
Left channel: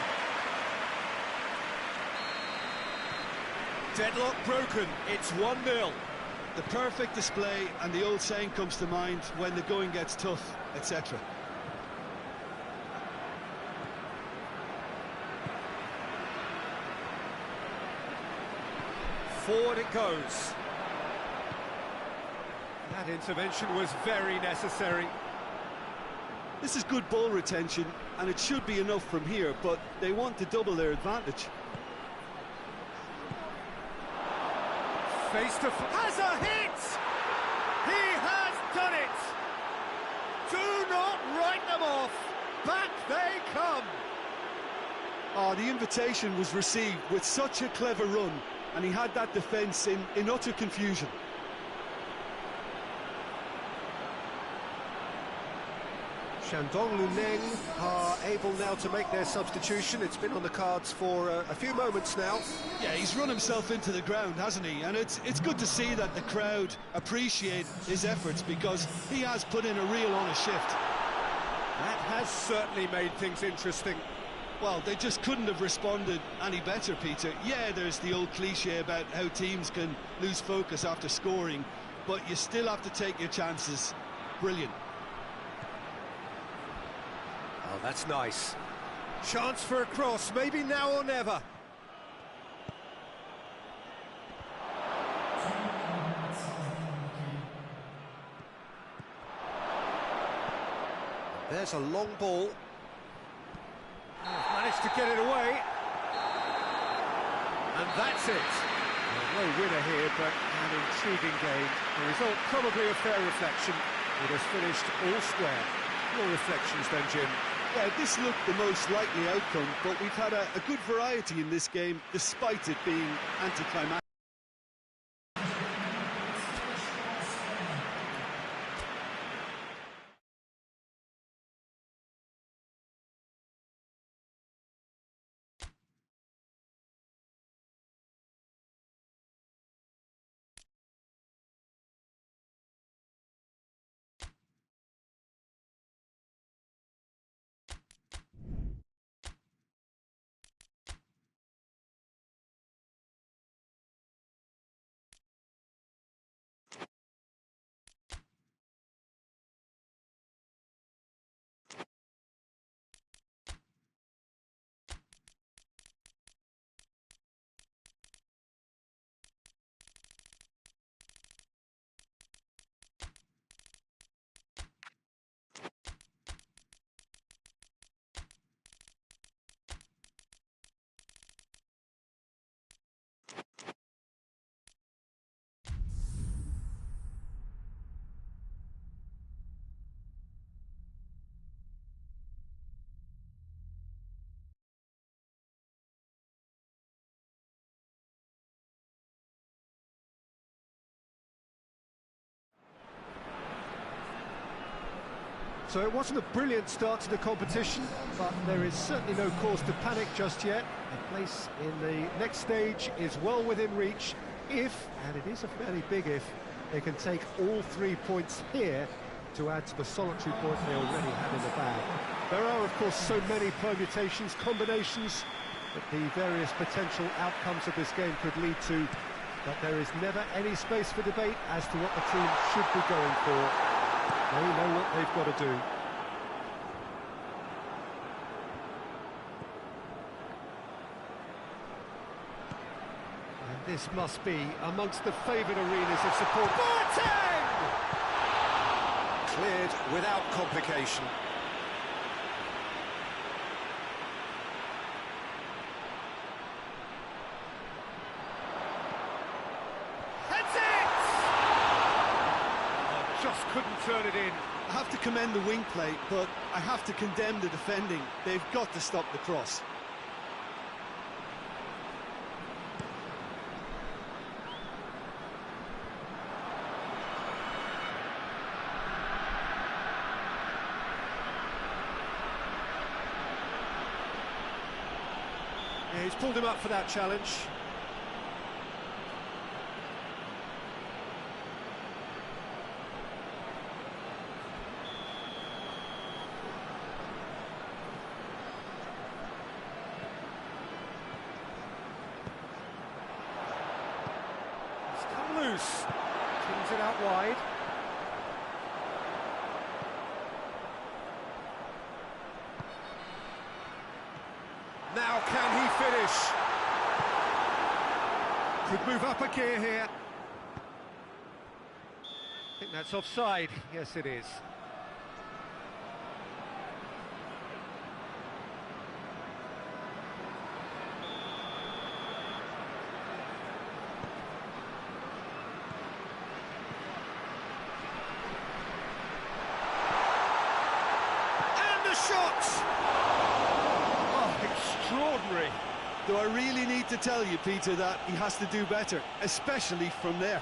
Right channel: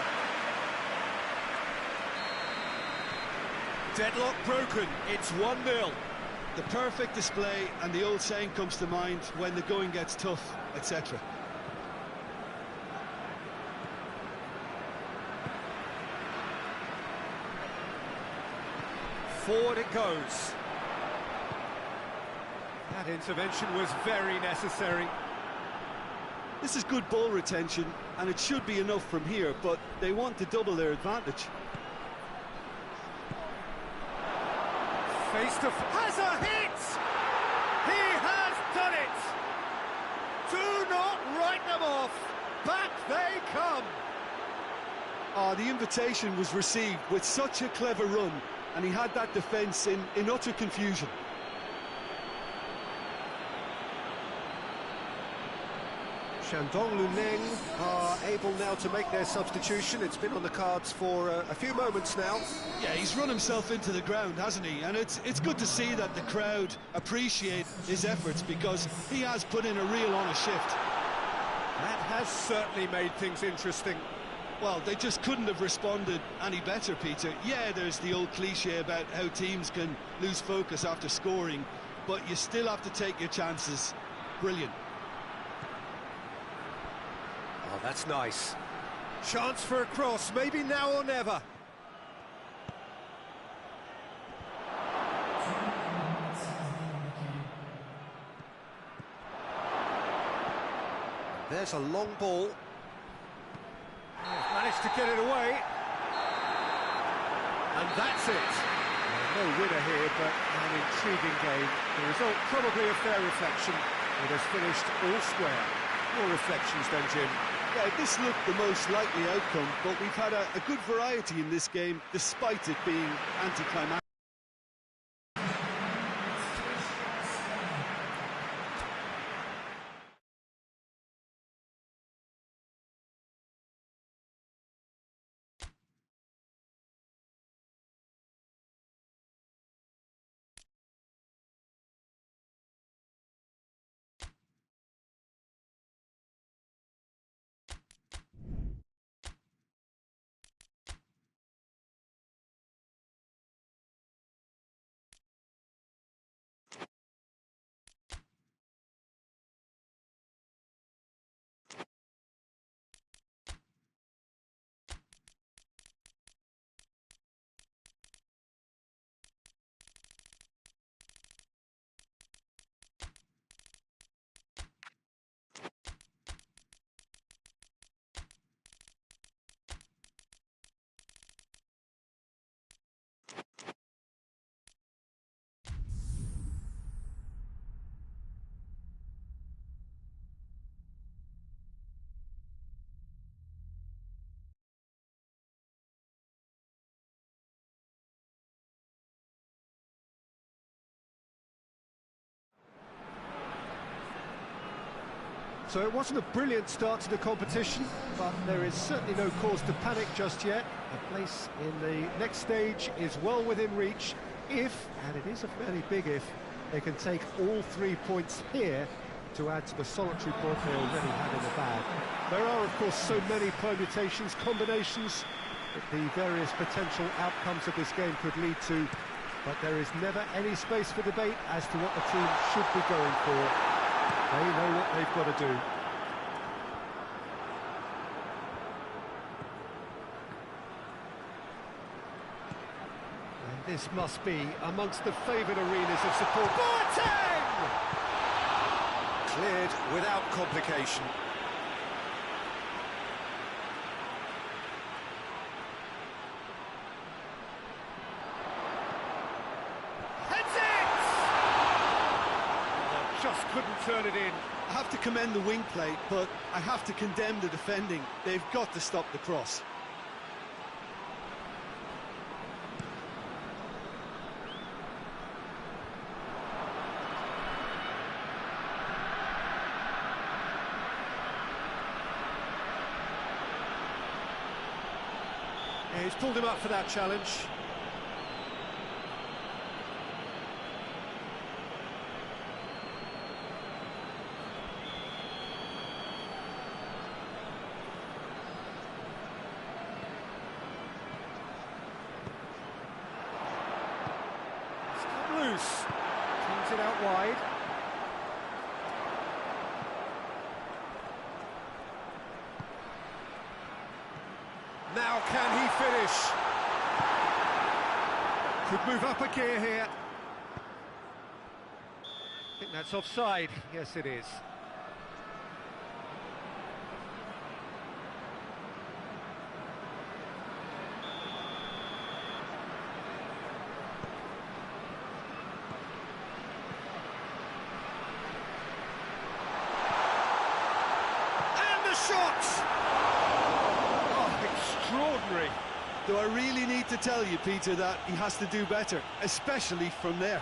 Deadlock broken, it's 1-0. The perfect display, and the old saying comes to mind, when the going gets tough, etc. Forward it goes. That intervention was very necessary. This is good ball retention, and it should be enough from here, but they want to double their advantage. Face to has a hit! He has done it! Do not write them off! Back they come! Oh, the invitation was received with such a clever run, and he had that defence in utter confusion. Shandong Luneng are able now to make their substitution. It's been on the cards for a few moments now. Yeah, he's run himself into the ground, hasn't he? And it's good to see that the crowd appreciate his efforts, because he has put in a real honest shift. That has certainly made things interesting. Well, they just couldn't have responded any better, Peter. Yeah, there's the old cliche about how teams can lose focus after scoring, but you still have to take your chances. brilliant. Oh, that's nice. Chance for a cross, maybe now or never. There's a long ball. He's managed to get it away. And that's it. Well, no winner here, but an intriguing game. The result probably a fair reflection. It has finished all square. Your reflections then, Jim? Yeah, this looked the most likely outcome, but we've had a good variety in this game, despite it being anticlimactic. So it wasn't a brilliant start to the competition, but there is certainly no cause to panic just yet. A place in the next stage is well within reach if, and it is a fairly big if, they can take all 3 points here to add to the solitary point they already have in the bag. There are, of course, so many permutations, combinations that the various potential outcomes of this game could lead to, but there is never any space for debate as to what the team should be going for. They know what they've got to do. And this must be amongst the favoured arenas of support. Boateng! Cleared without complication. Just couldn't turn it in. I have to commend the wing play, but I have to condemn the defending. They've got to stop the cross. Yeah, he's pulled him up for that challenge. Loose, teams it out wide. Now can he finish? Could move up a gear here. I think that's offside. Yes, it is. Shot! Oh, extraordinary. Do I really need to tell you, Peter, that he has to do better, especially from there?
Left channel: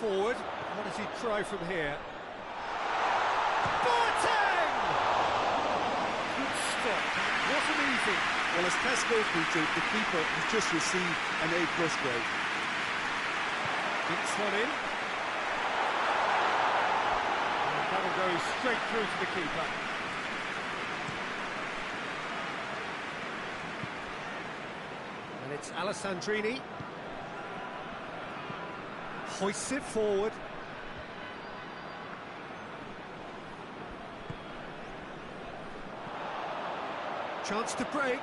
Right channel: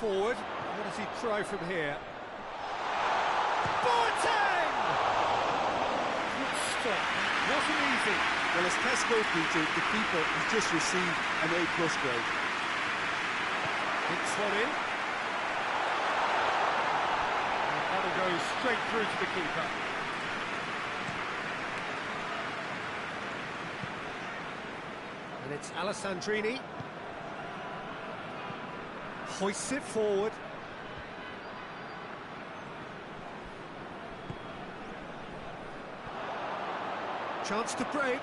Forward, what does he try from here? Boateng! Good for. That wasn't easy. Well, as tests go, Peter, the keeper has just received an A+ grade. Dinks one in. And that'll go straight through to the keeper. And it's Alessandrini. Hoists it forward. Chance to break.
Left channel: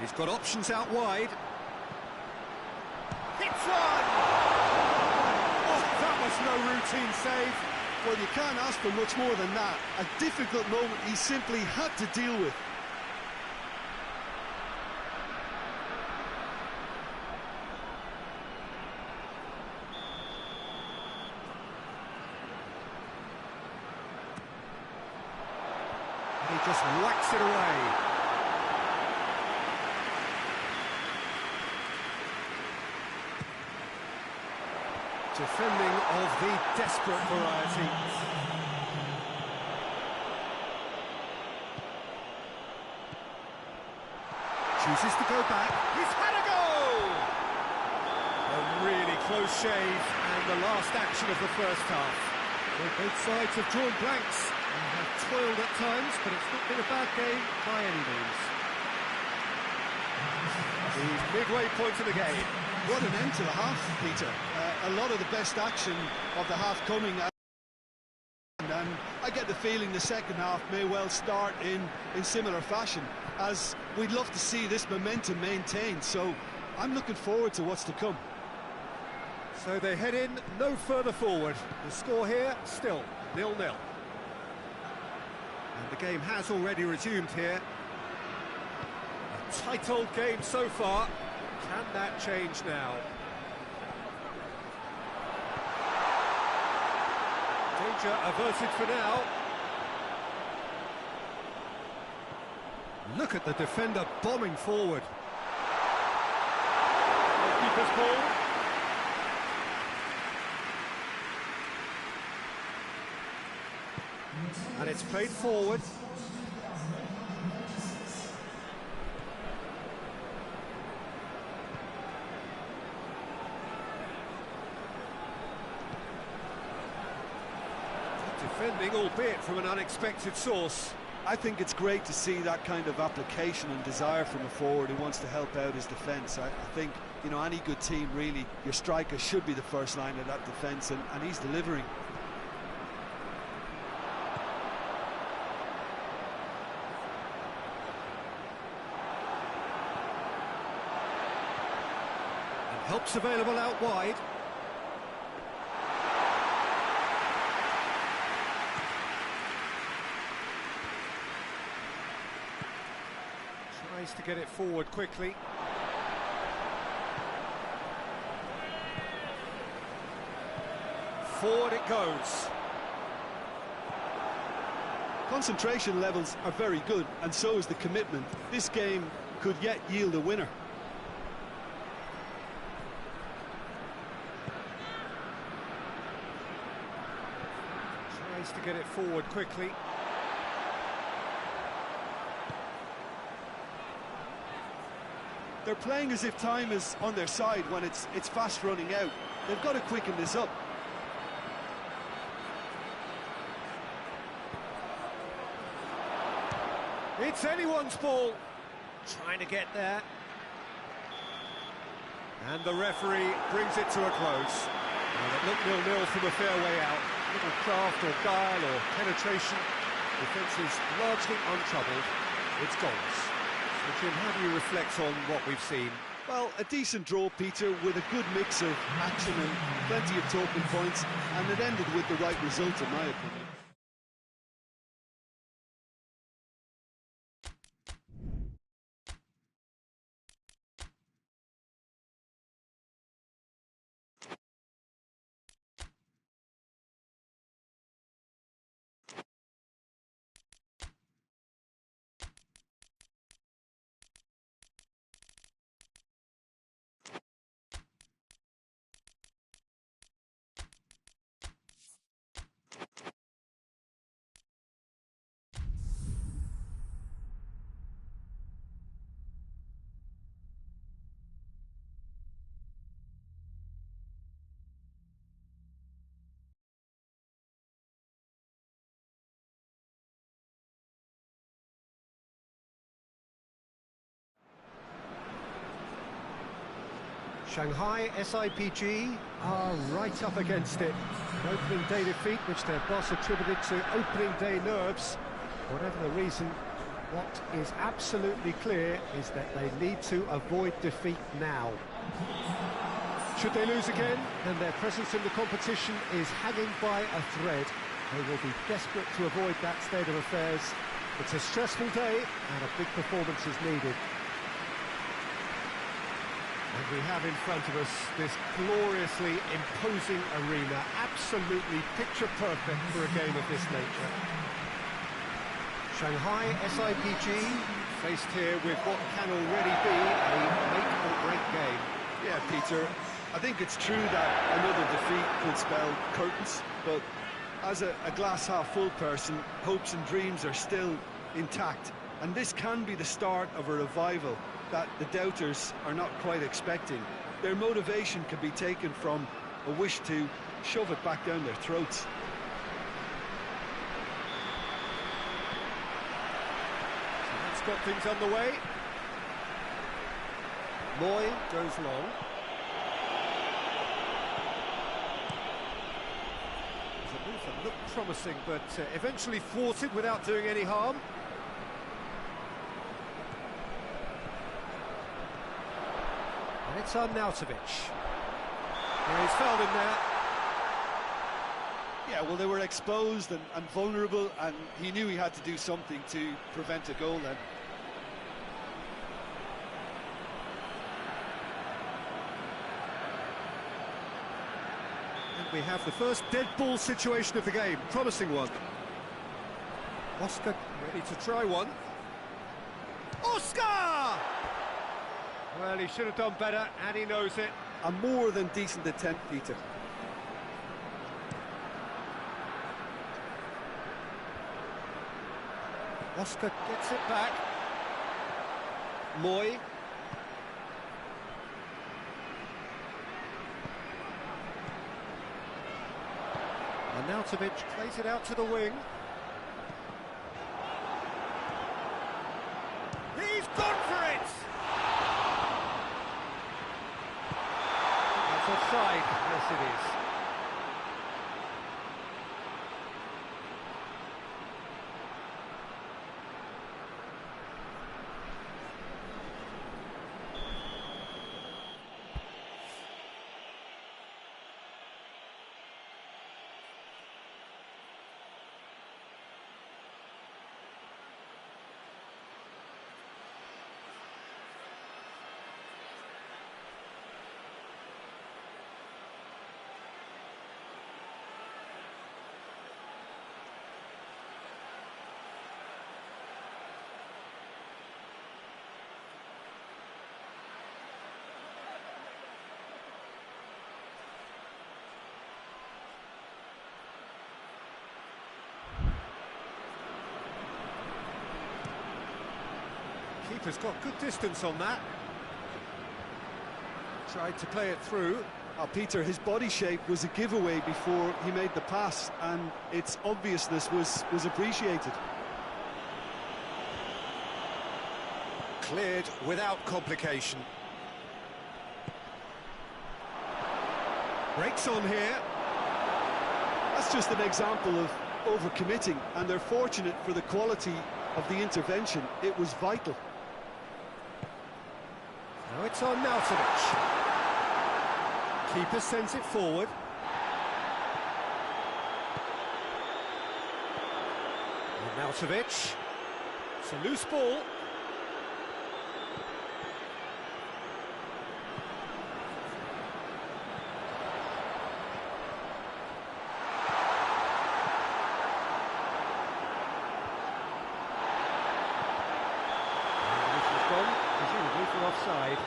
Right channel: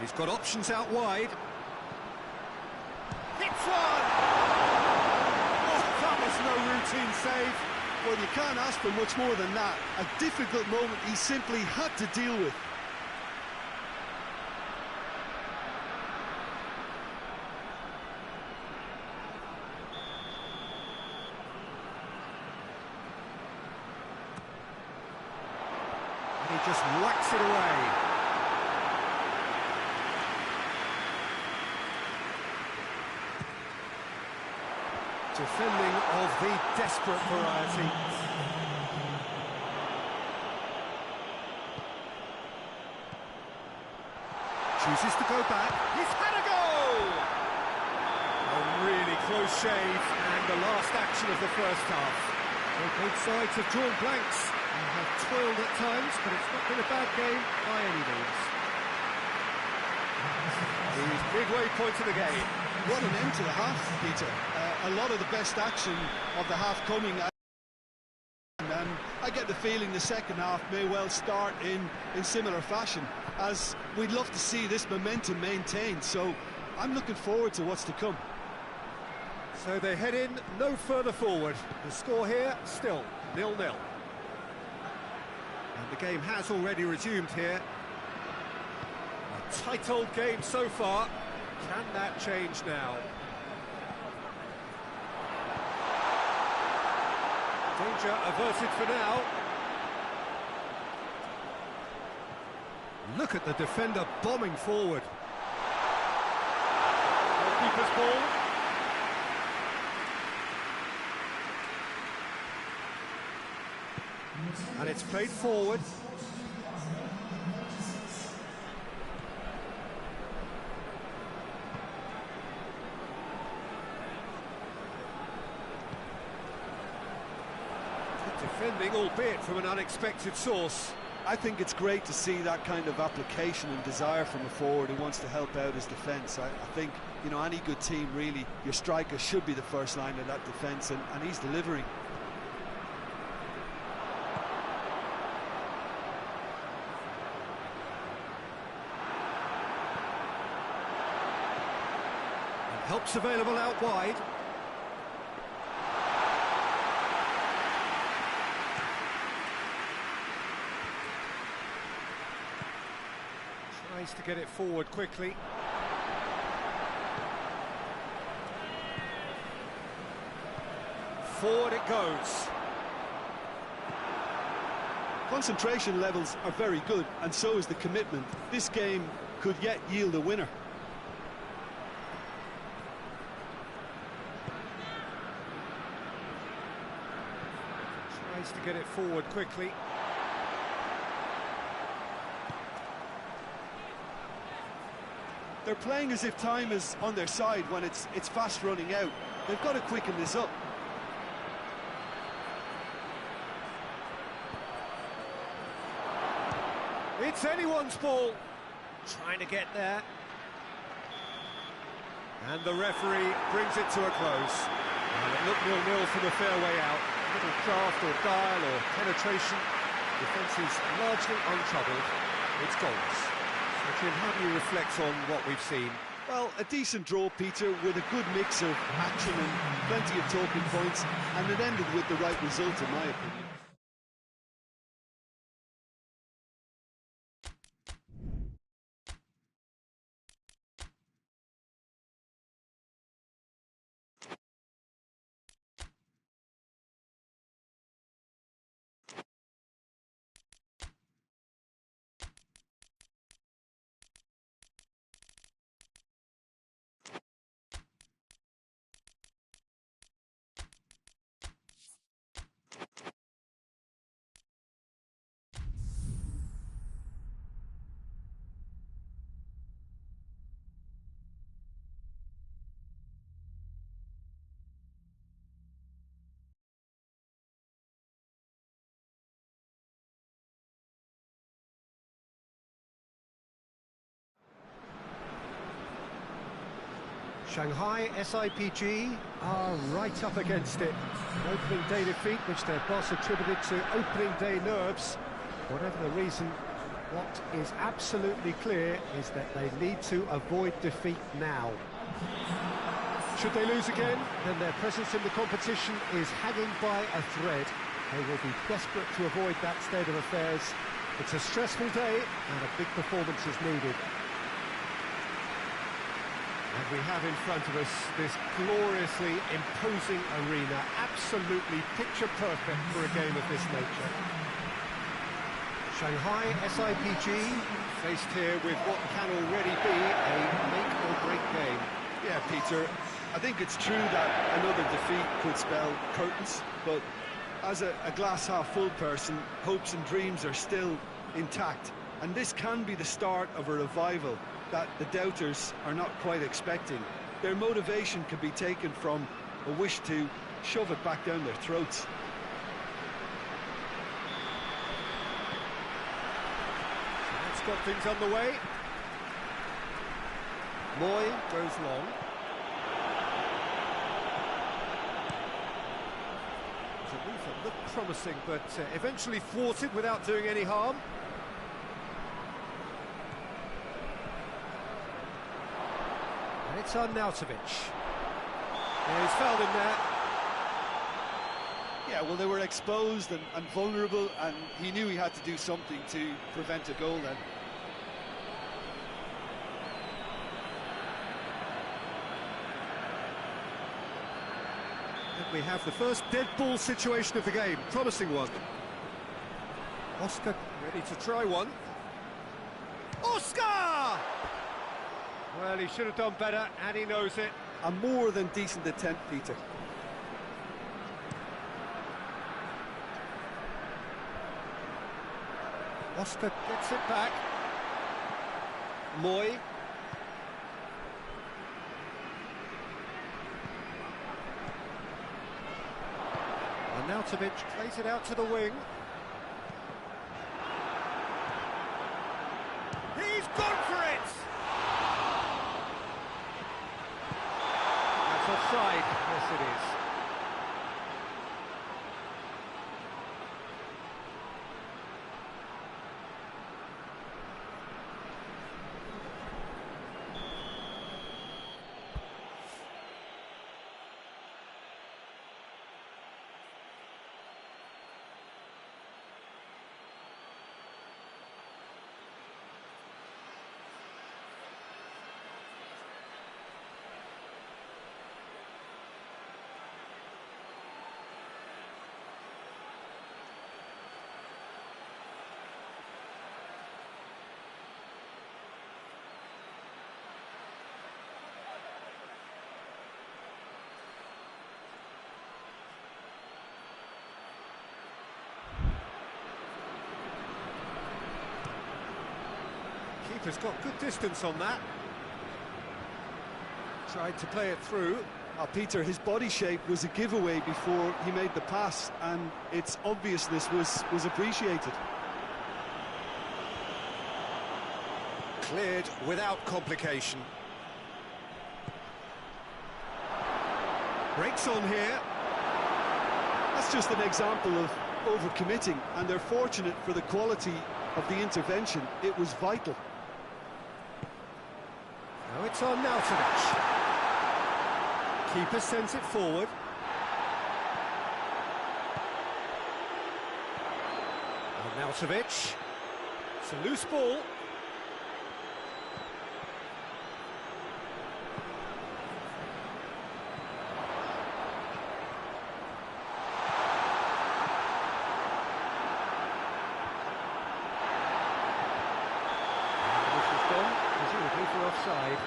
He's got options out wide. Hits one! Oh, that was no routine save. Well, you can't ask for much more than that. A difficult moment he simply had to deal with. He just whacks it away. Defending of the desperate variety. Chooses to go back. He's had a go! A really close shave, and the last action of the first half. So both sides have drawn blanks. They have toiled at times, but it's not been a bad game by any means. The midway point of the game. What an end to the half, Peter. A lot of the best action of the half coming. And I get the feeling the second half may well start in similar fashion, as we'd love to see this momentum maintained. So I'm looking forward to what's to come. So they head in no further forward. The score here still 0-0. And the game has already resumed here. A tight old game so far. Can that change now? Danger averted for now. Look at the defender bombing forward. Goalkeeper's ball. And it's played forward. Good defending, albeit from an unexpected source. I think it's great to see that kind of application and desire from a forward who wants to help out his defence. I think, you know, any good team, really, your striker should be the first line of that defence, and he's delivering. Help's available out wide. Tries to get it forward quickly. Forward it goes. Concentration levels are very good, and so is the commitment. This game could yet yield a winner. To get it forward quickly. They're playing as if time is on their side when it's fast running out. They've got to quicken this up. It's anyone's ball. Trying to get there. And the referee brings it to a close. Well, it looked 0-0 from a fair way out. Little craft or guile or penetration. Defence is largely untroubled. It's goalless. So, Jim, how do you reflect on what we've seen? Well, a decent draw, Peter, with a good mix of action and plenty of talking points, and it ended with the right result, in my opinion. Shanghai SIPG are right up against it. An opening day defeat which their boss attributed to opening day nerves. Whatever the reason, what is absolutely clear is that they need to avoid defeat now. Should they lose again, then their presence in the competition is hanging by a thread. They will be desperate to avoid that state of affairs. It's a stressful day and a big performance is needed. And we have in front of us this gloriously imposing arena, absolutely picture perfect for a game of this nature. Shanghai SIPG faced here with what can already be a make-or-break game. Yeah, Peter, I think it's true that another defeat could spell curtains, but as a glass-half-full person, hopes and dreams are still intact, and this can be the start of a revival that the doubters are not quite expecting. Their motivation can be taken from a wish to shove it back down their throats. So that's got things underway. Moy goes long. It was a move that looked promising, but eventually thwarted without doing any harm. And it's Arnautovic. Yeah, he's fouled in there. Yeah, well, they were exposed and vulnerable, and he knew he had to do something to prevent a goal then. And we have the first dead ball situation of the game. Promising one. Oscar ready to try one. Oscar! Well, he should have done better, and he knows it. A more than decent attempt, Peter. Oscar gets it back. Moy. Arnautovic plays it out to the wing. He's gone for it! That's offside. Yes, it is. Keeper's got good distance on that. Tried to play it through. Peter, his body shape was a giveaway before he made the pass, and its obviousness was appreciated. Cleared without complication. Breaks on here. That's just an example of overcommitting, and they're fortunate for the quality of the intervention. It was vital. Now it's on Arnautovic. Keeper sends it forward. Arnautovic. It's a loose ball. Gone, presumably for offside.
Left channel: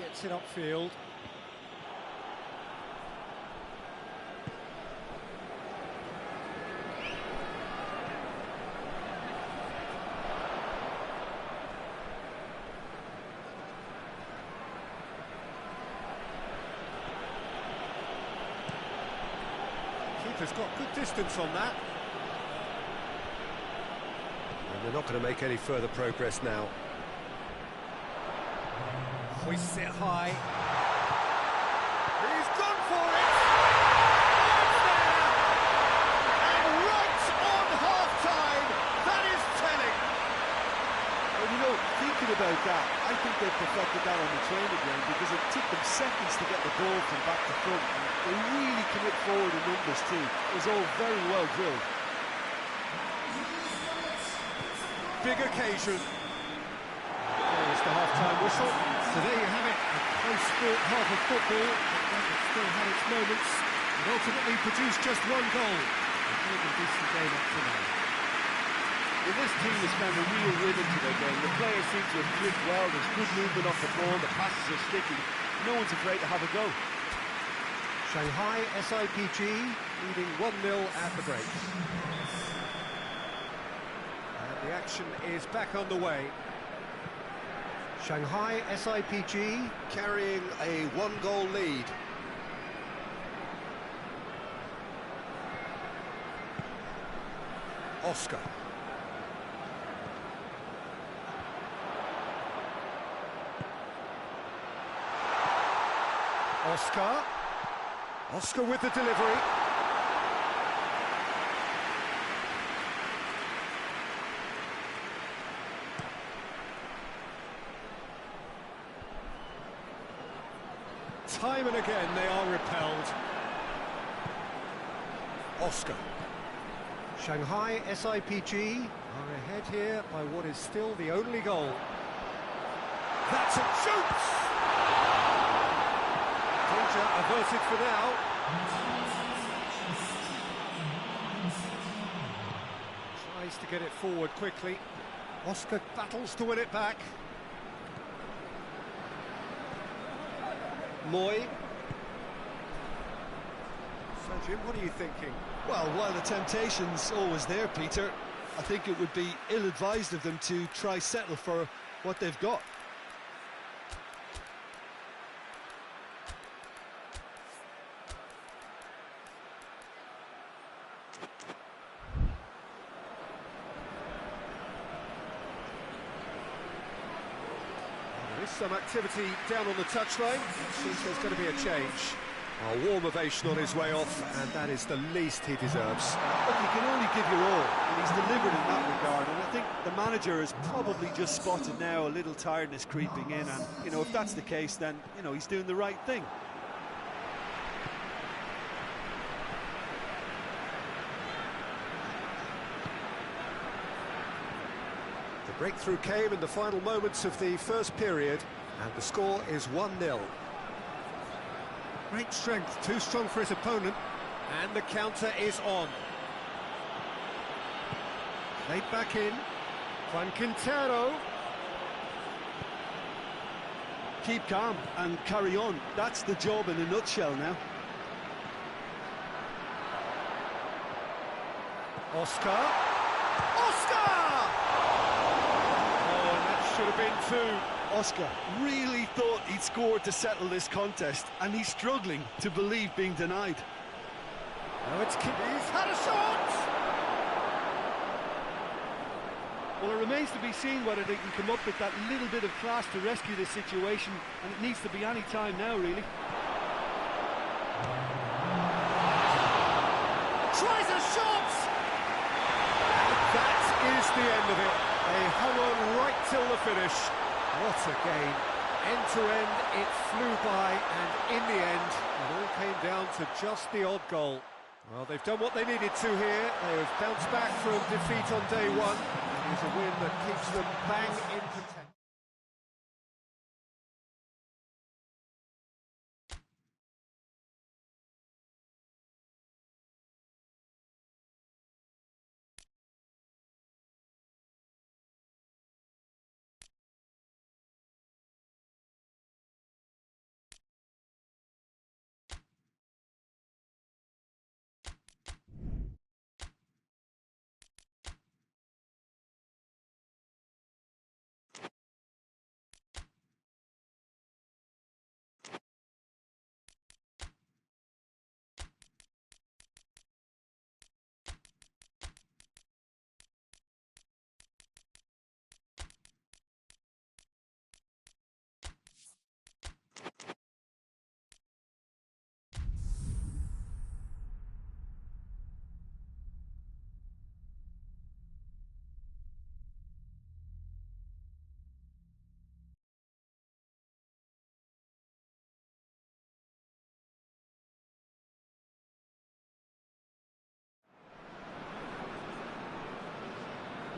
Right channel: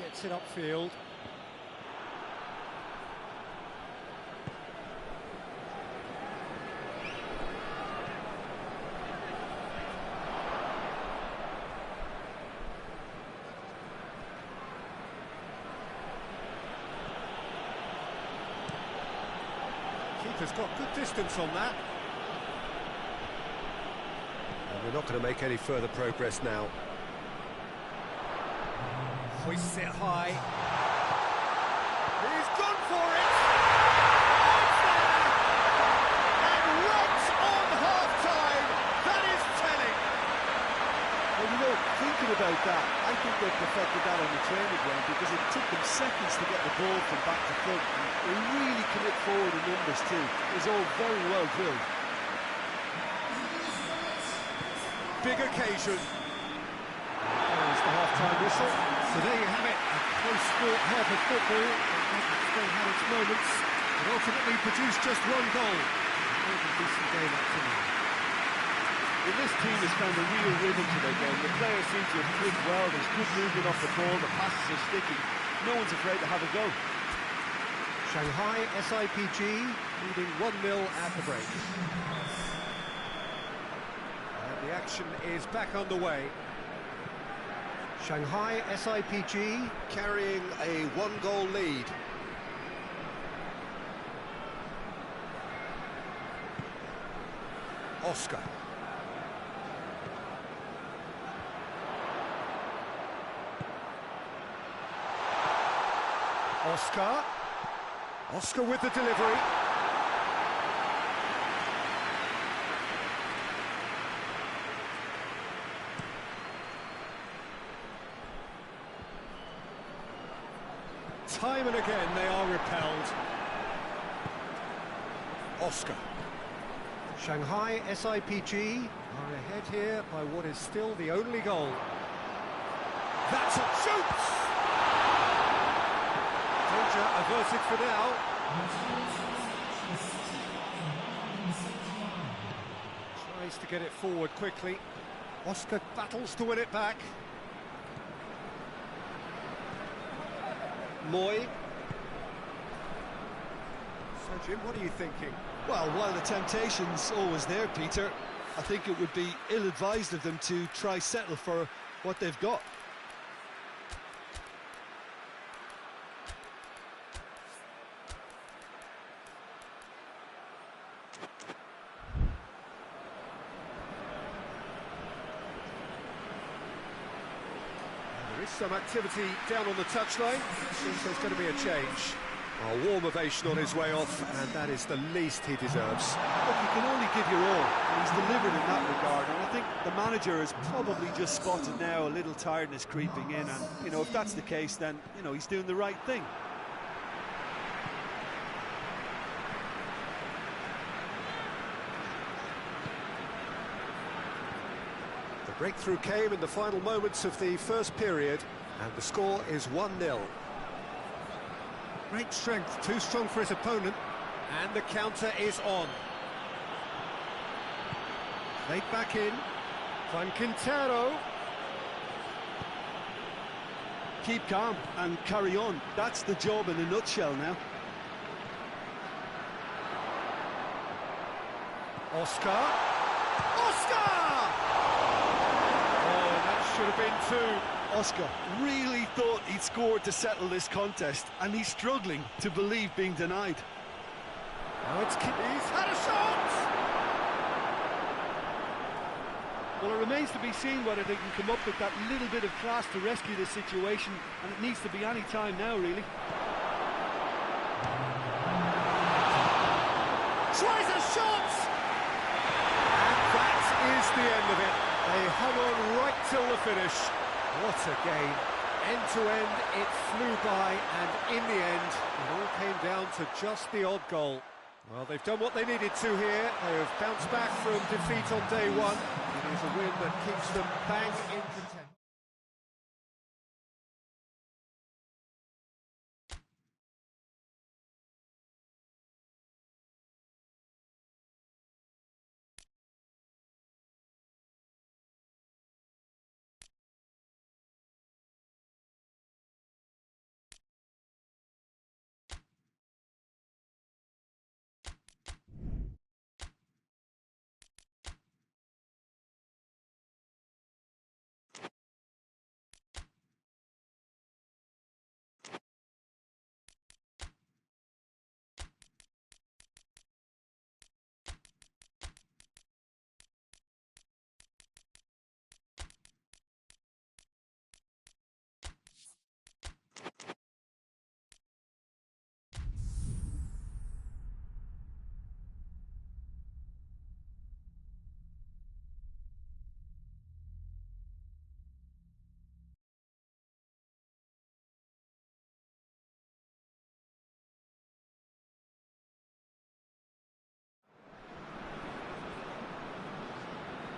Gets it upfield. Keeper's got good distance on that. And they're not going to make any further progress now. Hoists it high. He's gone for it! Oh, it's there! And right on half-time, that is telling! Well, you know, thinking about that, I think they've perfected that on the training ground because it took them seconds to get the ball from back to front. And they really commit forward in numbers too. It was all very well drilled. Big occasion. There's the half-time whistle. So there you have it, a close-sport half of football, but that has still had its moments, and ultimately produced just one goal. A more than decent game up to now. Well, this team has found a real rhythm to their game. The players seem to have clicked well, there's good movement off the ball, the passes are sticking. No one's afraid to have a go. Shanghai SIPG leading 1-0 at the break. And the action is back underway. Shanghai SIPG carrying a one-goal lead. Oscar. Oscar with the delivery. Time and again they are repelled. Oscar. Shanghai SIPG are ahead here by what is still the only goal. That's a shoot! Danger averted for now. Tries to get it forward quickly. Oscar battles to win it back. Moy. So, Jim, what are you thinking? Well, while the temptation's always there, Peter, I think it would be ill-advised of them to try settle for what they've got. There is some activity down on the touchline. It seems there's going to be a change. A warm ovation on his way off, and that is the least he deserves. Look, you can only give your all, and he's delivered in that regard, and I think the manager has probably just spotted now a little tiredness creeping in, and, you know, if that's the case, then, you know, he's doing the right thing. The breakthrough came in the final moments of the first period, and the score is 1-0. Great strength, too strong for his opponent, and the counter is on. Played back in, Juan Quintero. Keep calm and carry on. That's the job in a nutshell now. Oscar. Oh, and that should have been two. Oscar really thought he'd scored to settle this contest, and he's struggling to believe being denied. Now it's He's had a shot! Well, it remains to be seen whether they can come up with that little bit of class to rescue this situation, and it needs to be any time now, really. Tries a shot! And that is the end of it. They hung on right till the finish. What a game. End to end, it flew by, and in the end, it all came down to just the odd goal. Well, they've done what they needed to here. They have bounced back from defeat on day one. It is a win that keeps them bang in contention.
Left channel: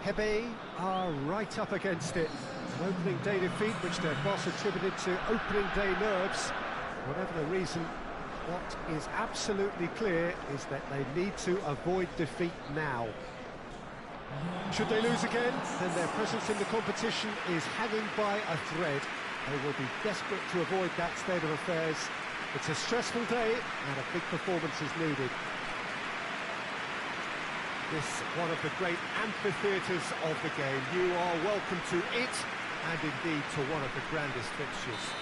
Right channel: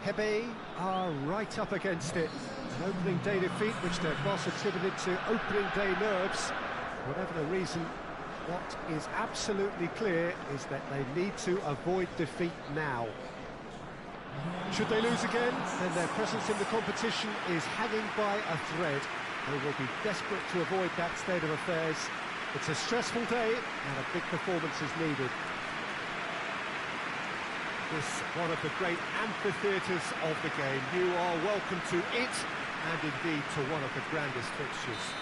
HEBEI are right up against it. An opening day defeat which their boss attributed to opening day nerves. Whatever the reason, what is absolutely clear is that they need to avoid defeat now. Should they lose again, then their presence in the competition is hanging by a thread. They will be desperate to avoid that state of affairs. It's a stressful day and a big performance is needed. This one of the great amphitheatres of the game. You are welcome to it, and indeed to one of the grandest fixtures.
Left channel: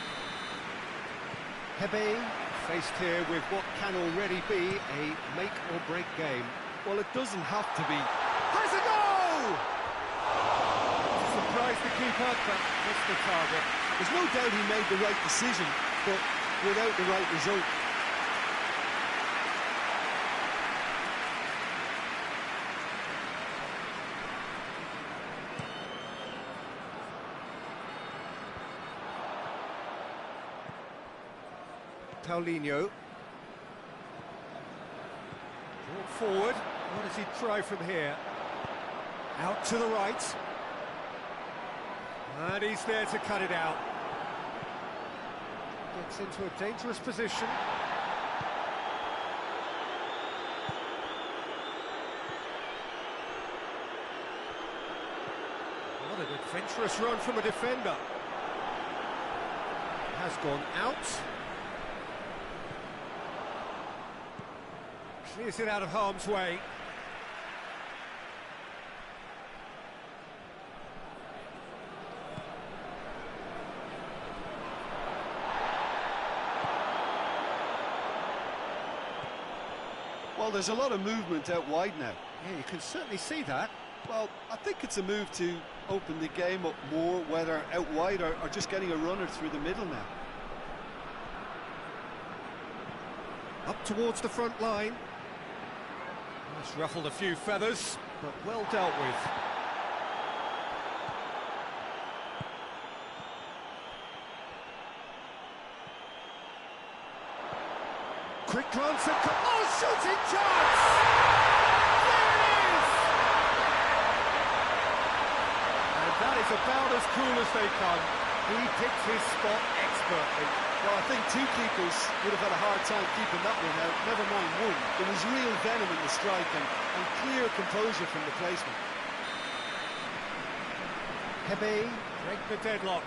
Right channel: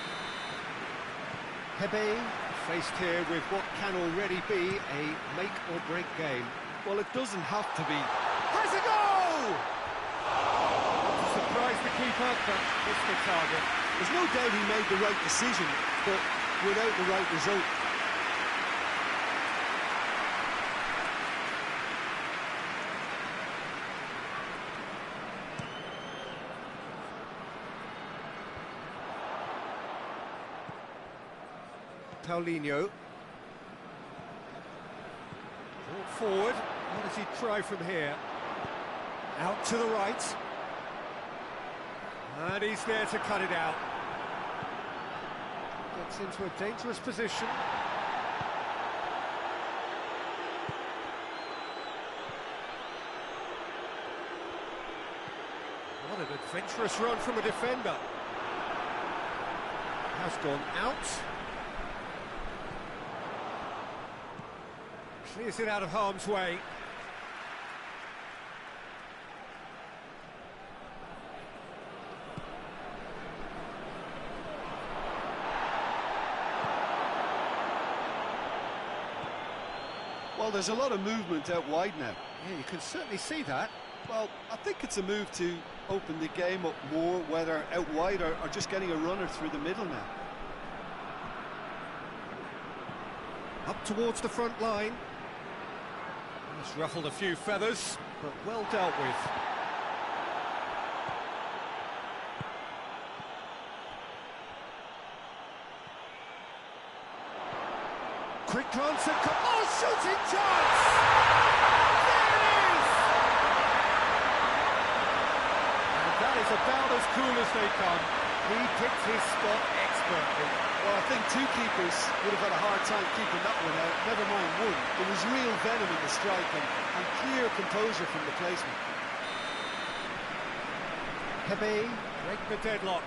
HEBEI faced here with what can already be a make-or-break game. Well, it doesn't have to be. Has a goal! To surprise the keeper, but missed the target. There's no doubt he made the right decision, but without the right result. Paulinho. Brought forward. What does he try from here? Out to the right. And he's there to cut it out. Gets into a dangerous position. What an adventurous run from a defender. Has gone out. Clears it out of harm's way. Well, there's a lot of movement out wide now. Yeah, you can certainly see that. Well, I think it's a move to open the game up more, whether out wide or just getting a runner through the middle now. Up towards the front line. It's ruffled a few feathers, but well dealt with. Quick glance at... Oh, shooting chance! There it is! And that is about as cool as they come. He picked his spot expertly. Well, I think two keepers would have had a hard time keeping that one out, never mind one. There was real venom in the strike and clear composure from the placement. HEBEI break the deadlock.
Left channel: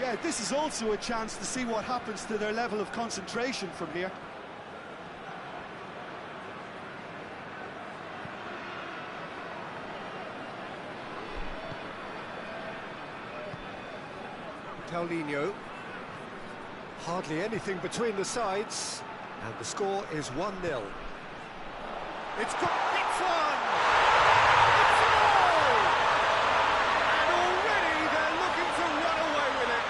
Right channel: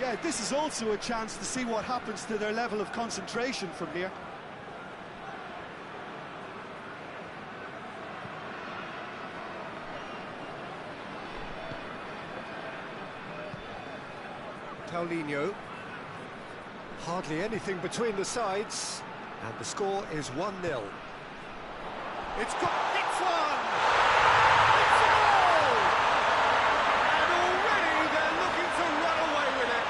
Yeah, this is also a chance to see what happens to their level of concentration from here. Paulinho. Hardly anything between the sides, and the score is 1-0. It's got... It's one! It's a goal! And already they're looking to run away with it.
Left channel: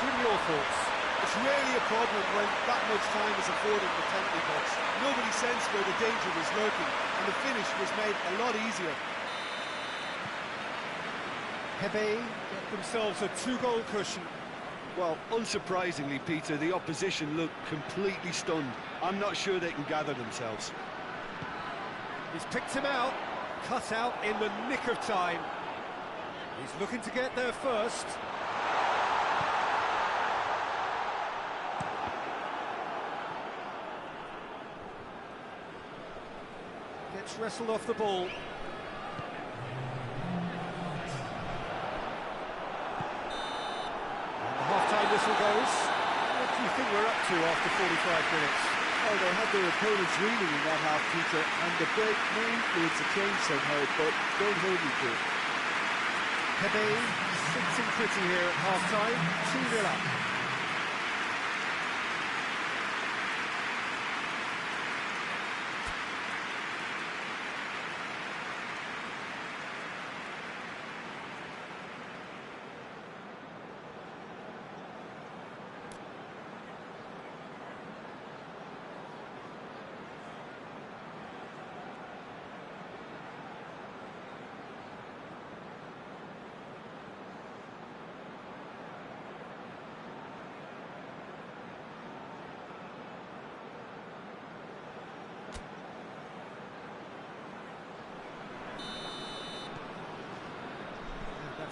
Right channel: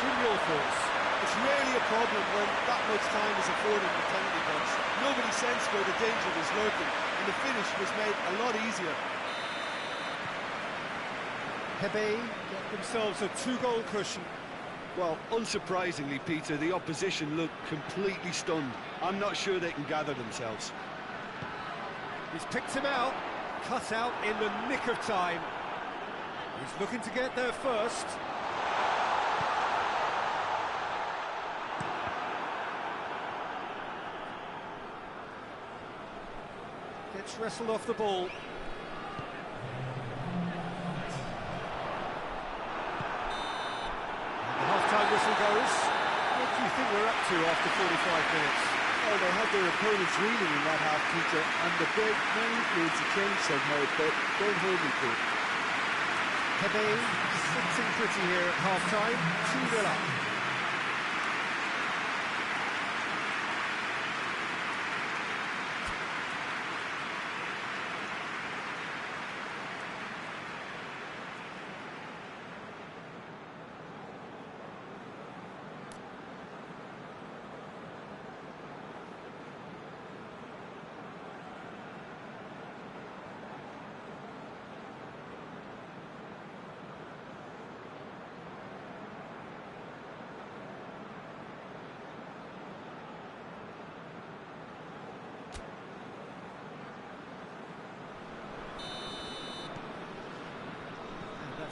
Jim, your thoughts? It's rarely a problem when that much time is afforded in the penalty box. Nobody sensed where the danger was lurking, and the finish was made a lot easier. HEBEI get themselves a 2-goal cushion. Well, unsurprisingly, Peter, the opposition look completely stunned. I'm not sure they can gather themselves. He's picked him out, cut out in the nick of time. He's looking to get there first. Gets wrestled off the ball. Half-time whistle goes. What do you think we're up to after 45 minutes? Oh, they had their opponents reeling in that half, Peter, and the break may influence a change somehow, but don't hold me to it. HEBEI sitting pretty here at half-time, 2-0 up.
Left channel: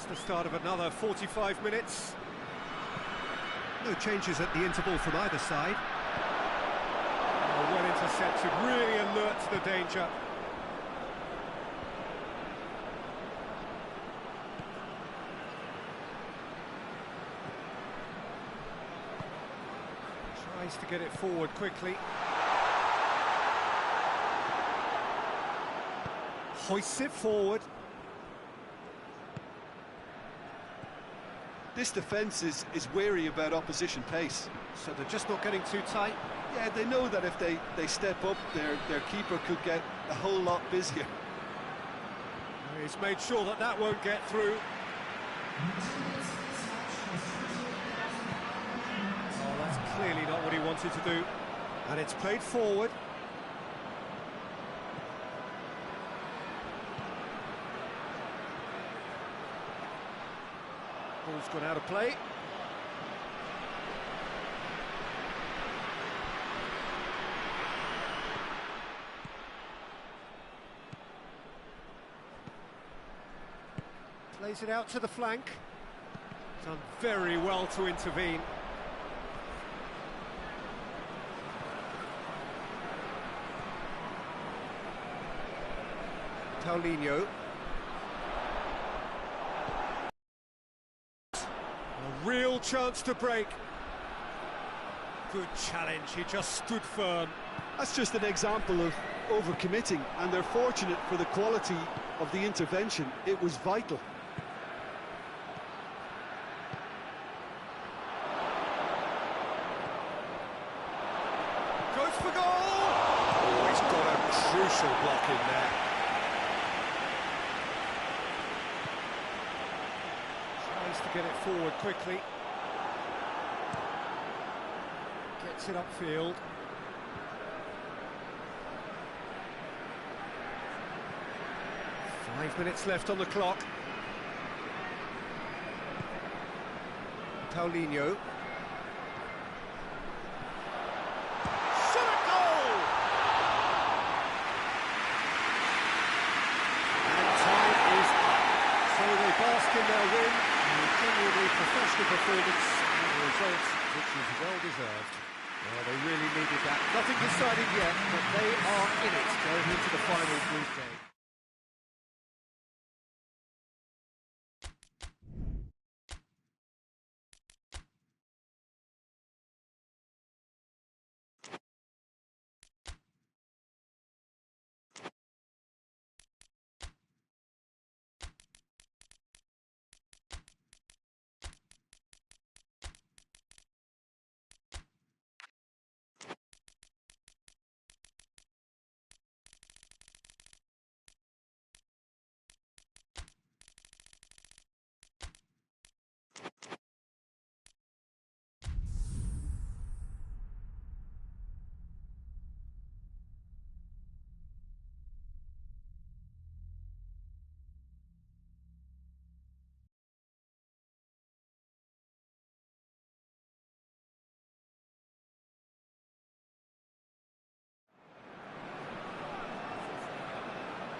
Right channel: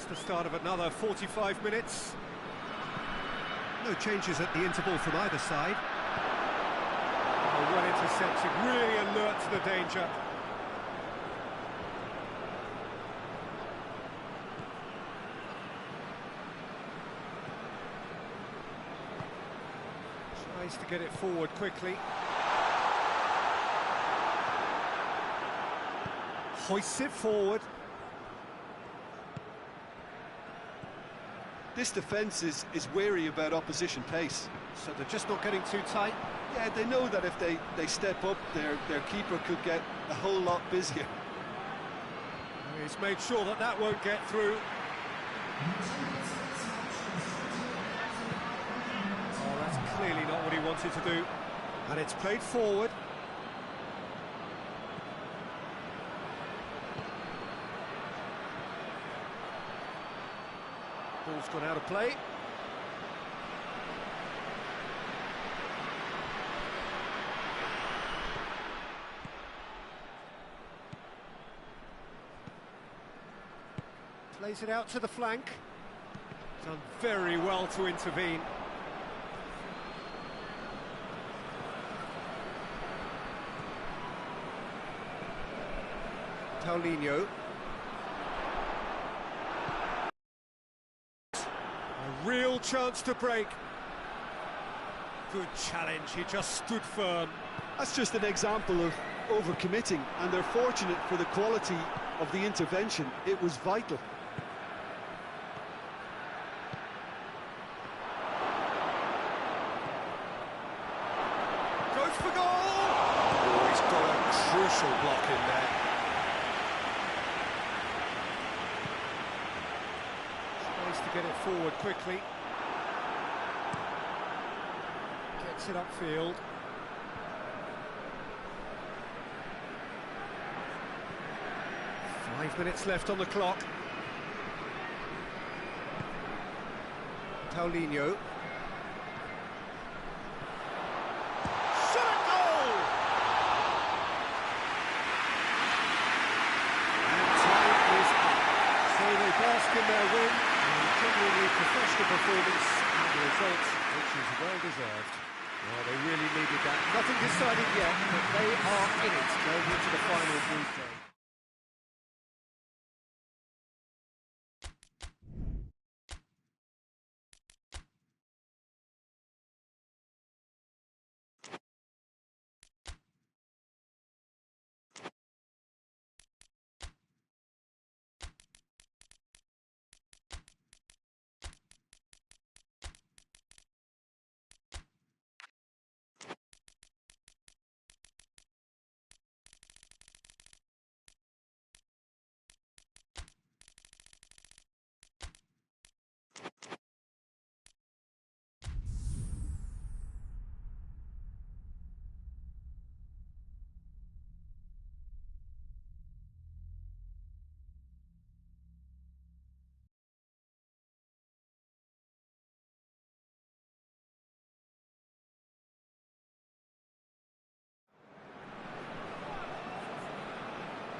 the start of another 45 minutes. No changes at the interval from either side. Oh, well intercepted, really alert to the danger. Tries to get it forward quickly. Hoists it forward. This defence is wary about opposition pace. So they're just not getting too tight. Yeah, they know that if they step up, their keeper could get a whole lot busier. He's made sure that that won't get through. Oh, that's clearly not what he wanted to do. And it's played forward. Ball's gone out of play. Plays it out to the flank. Done very well to intervene. Paulinho. A real chance to break. Good challenge, he just stood firm. That's just an example of overcommitting, and they're fortunate for the quality of the intervention. It was vital. Goes for goal! Oh, he's got a crucial block in there. Tries to get it forward quickly. Gets it upfield. Five minutes left on the clock. Paulinho. Shot at goal! And time is up. So they bask in their win. A genuinely professional performance and a result which is well deserved. Well, they really needed that. Nothing decided yet, but they are in it going into the final group game.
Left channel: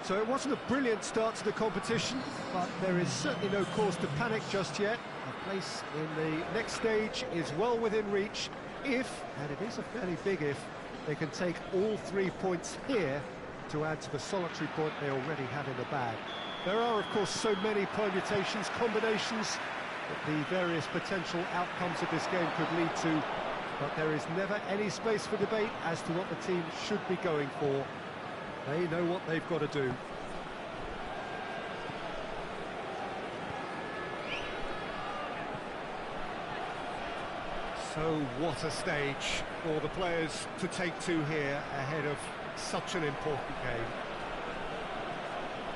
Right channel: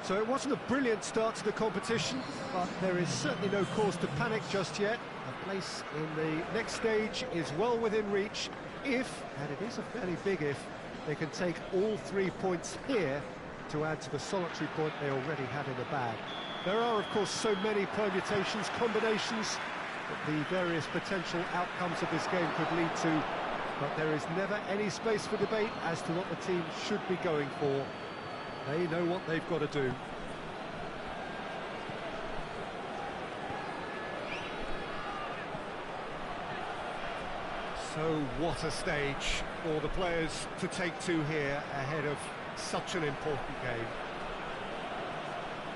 So it wasn't a brilliant start to the competition, but there is certainly no cause to panic just yet. A place in the next stage is well within reach if, and it is a fairly big if, they can take all 3 points here to add to the solitary point they already had in the bag. There are, of course, so many permutations, combinations, that the various potential outcomes of this game could lead to, but there is never any space for debate as to what the team should be going for. They know what they've got to do. So what a stage for the players to take to here ahead of such an important game.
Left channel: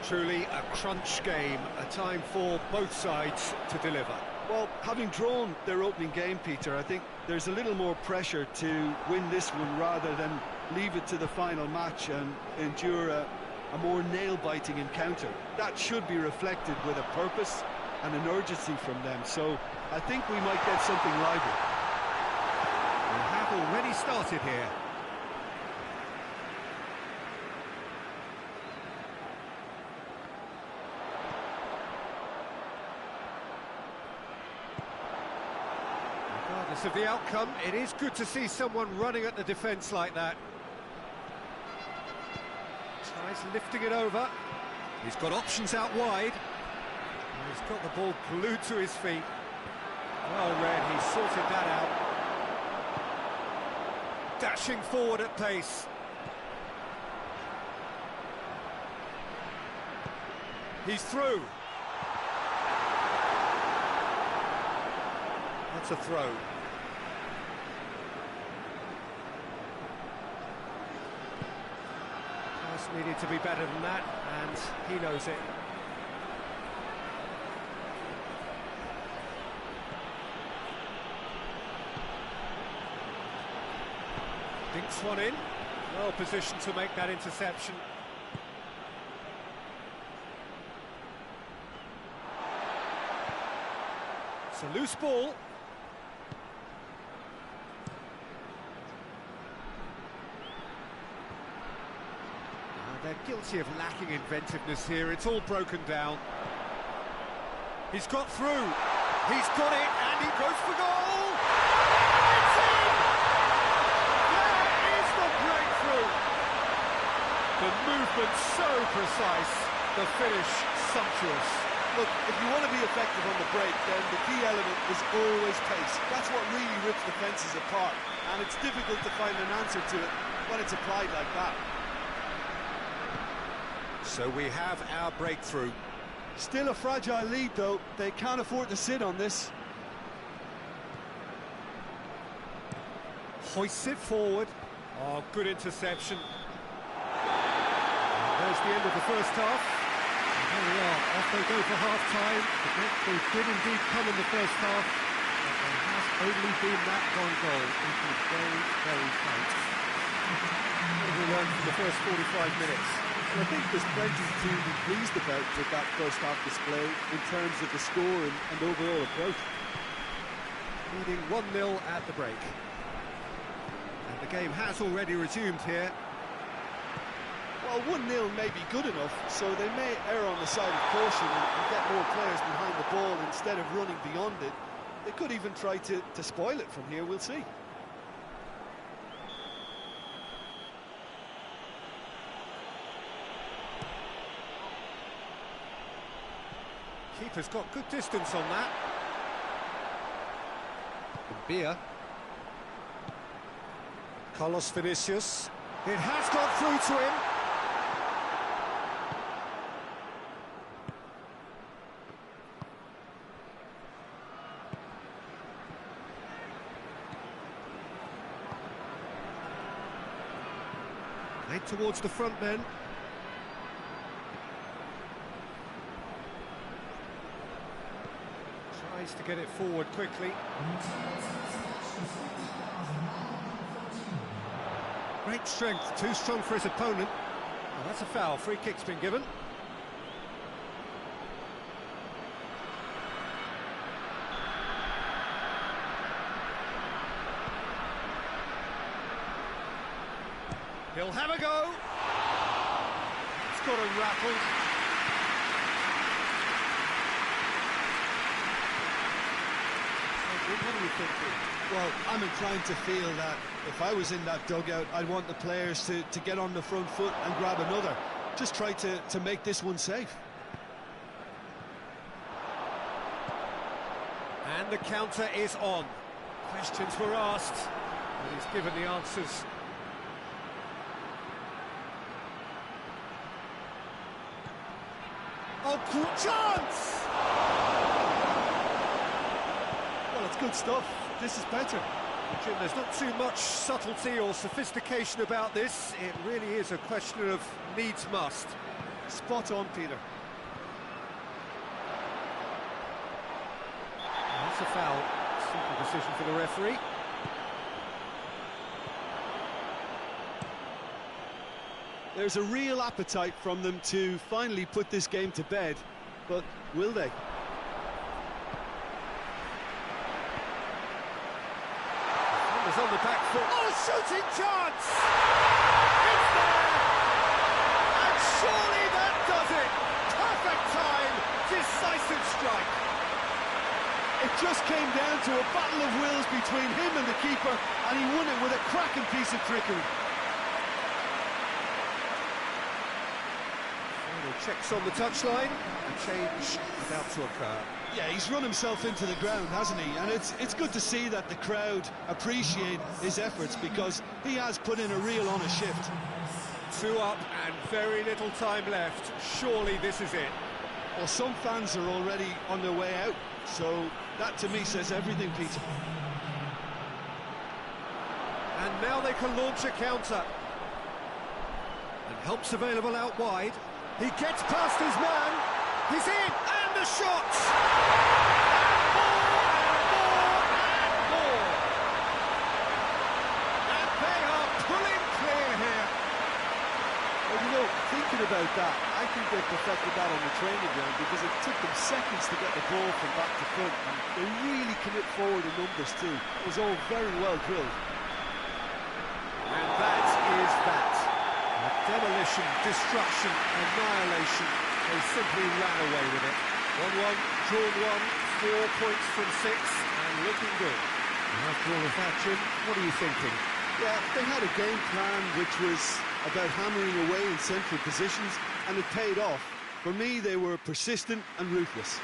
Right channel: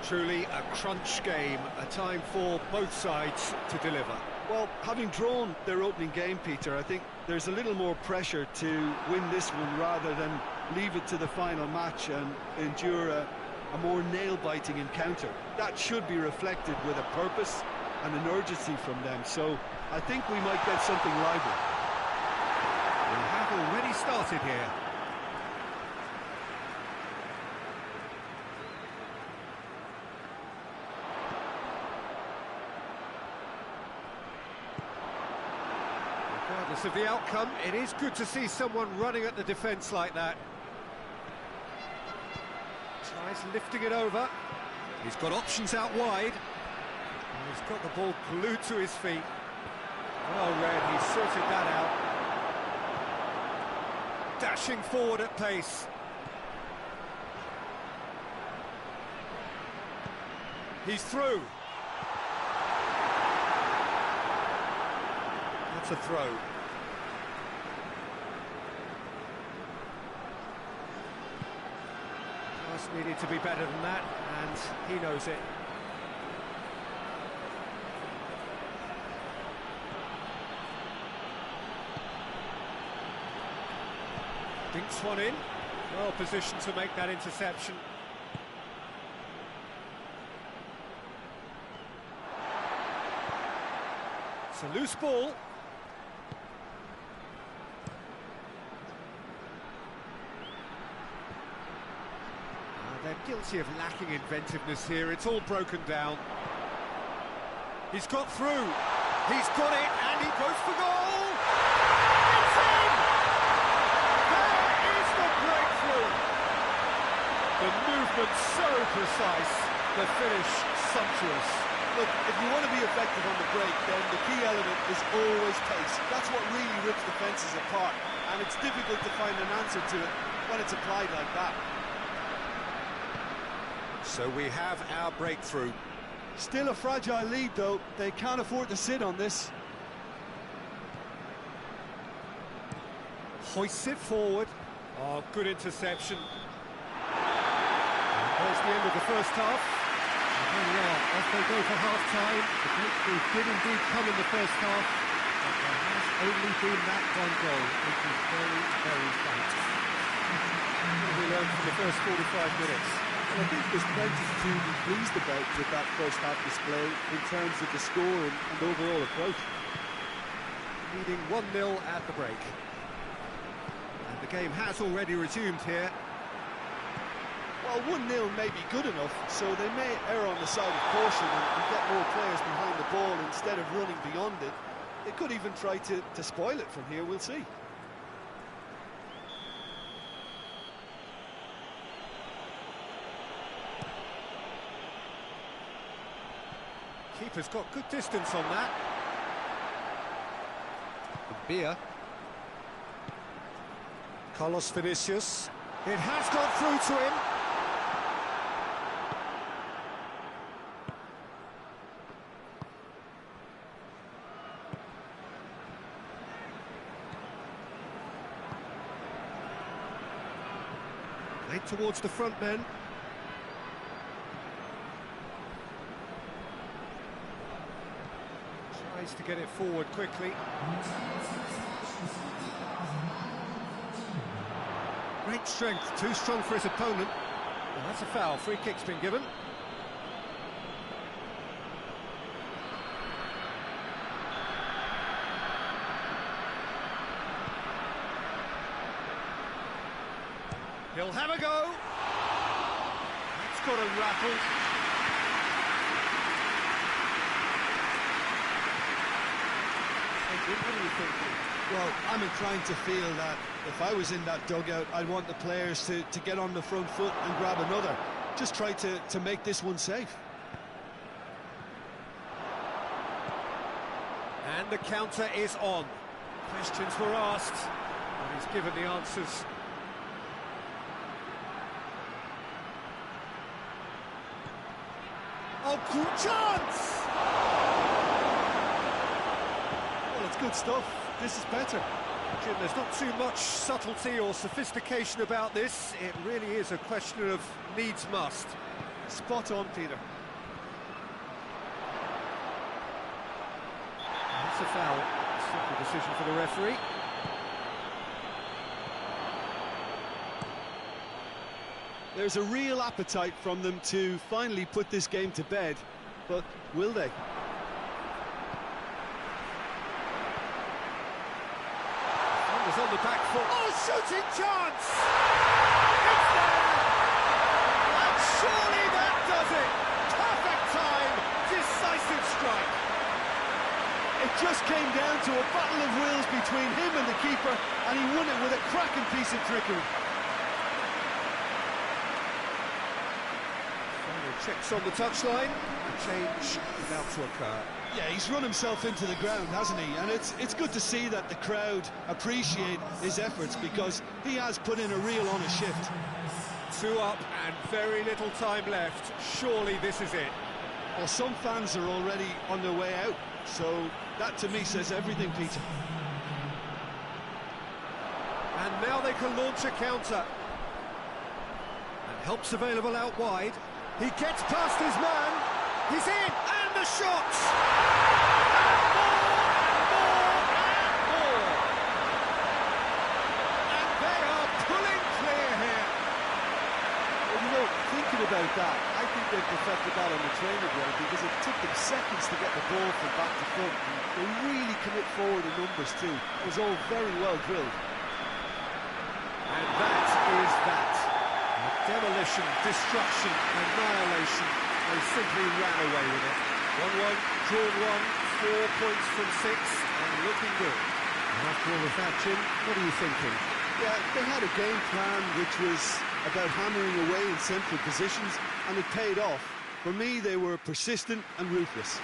Truly a crunch game, a time for both sides to deliver. Well, having drawn their opening game, Peter, I think there's a little more pressure to win this one rather than leave it to the final match and endure a more nail-biting encounter. That should be reflected with a purpose and an urgency from them, so I think we might get something lively. We have already started here. Regardless of the outcome, it is good to see someone running at the defence like that. Tries lifting it over. He's got options out wide. And he's got the ball glued to his feet. Well read, he sorted that out. Dashing forward at pace. He's through. That's a throw. Pass needed to be better than that, and he knows it. Dinks one in. Well positioned to make that interception. It's a loose ball. They're guilty of lacking inventiveness here. It's all broken down. He's got through. He's got it, and he goes for goal. It's in! There is the breakthrough. The movement so precise, the finish sumptuous. Look, if you want to be effective on the break, then the key element is always pace. That's what really rips defences apart, and it's difficult to find an answer to it when it's applied like that. So we have our breakthrough. Still a fragile lead, though. They can't afford to sit on this. Hoists it forward. Oh, good interception. And there's the end of the first half. And there we are, off they go for half-time. The breakthrough did indeed come in the first half, but there has only been that one goal. It was very, very tight. What have we learned from the first 45 minutes? Well, I think there's plenty to be pleased about with that first half display in terms of the score and overall approach. Leading 1-0 at the break. And the game has already resumed here. Well, 1-0 may be good enough, so they may err on the side of caution and get more players behind the ball instead of running beyond it. They could even try to spoil it from here, we'll see. Keeper's got good distance on that. Beer. Carlos Vinicius. It has got through to him. Played towards the front men. Tries to get it forward quickly. Great strength, too strong for his opponent. Well, that's a foul. Free kick's been given. He'll have a go. It's got him rattled. What are you thinking? Well, I'm inclined to feel that if I was in that dugout, I'd want the players to get on the front foot and grab another. Just try to make this one safe. And the counter is on. Questions were asked, but he's given the answers. Oh, good chance! Well, it's good stuff. This is better. Jim, there's not too much subtlety or sophistication about this. It really is a question of needs must. Spot on, Peter. That's a foul. Simple decision for the referee. There's a real appetite from them to finally put this game to bed, but will they? Is on the back foot. Oh, shooting chance! It's there! And surely that does it! Perfect time, decisive strike. It just came down to a battle of wills between him and the keeper, and he won it with a cracking piece of trickery. Final checks on the touchline, a change about to occur. Yeah, he's run himself into the ground, hasn't he? And it's good to see that the crowd appreciate his efforts, because he has put in a real honest shift. 2 up and very little time left. Surely this is it. Well, some fans are already on their way out, so that to me says everything, Peter. And now they can launch a counter. And help's available out wide. He gets past his man. He's in, and the shot! And more, and more, and more! And they are pulling clear here. Well, you know, thinking about that, I think they perfected that on the training ground, because it took them seconds to get the ball from back to front. And they really commit forward in numbers too. It was all very well drilled. And that is that. Demolition, destruction, annihilation. They simply ran away with it. 1-1, drawn 1, 4 points from 6, and looking good. And after all of that, Jim, what are you thinking? Yeah, they had a game plan which was about hammering away in central positions, and it paid off. For me, they were persistent and ruthless.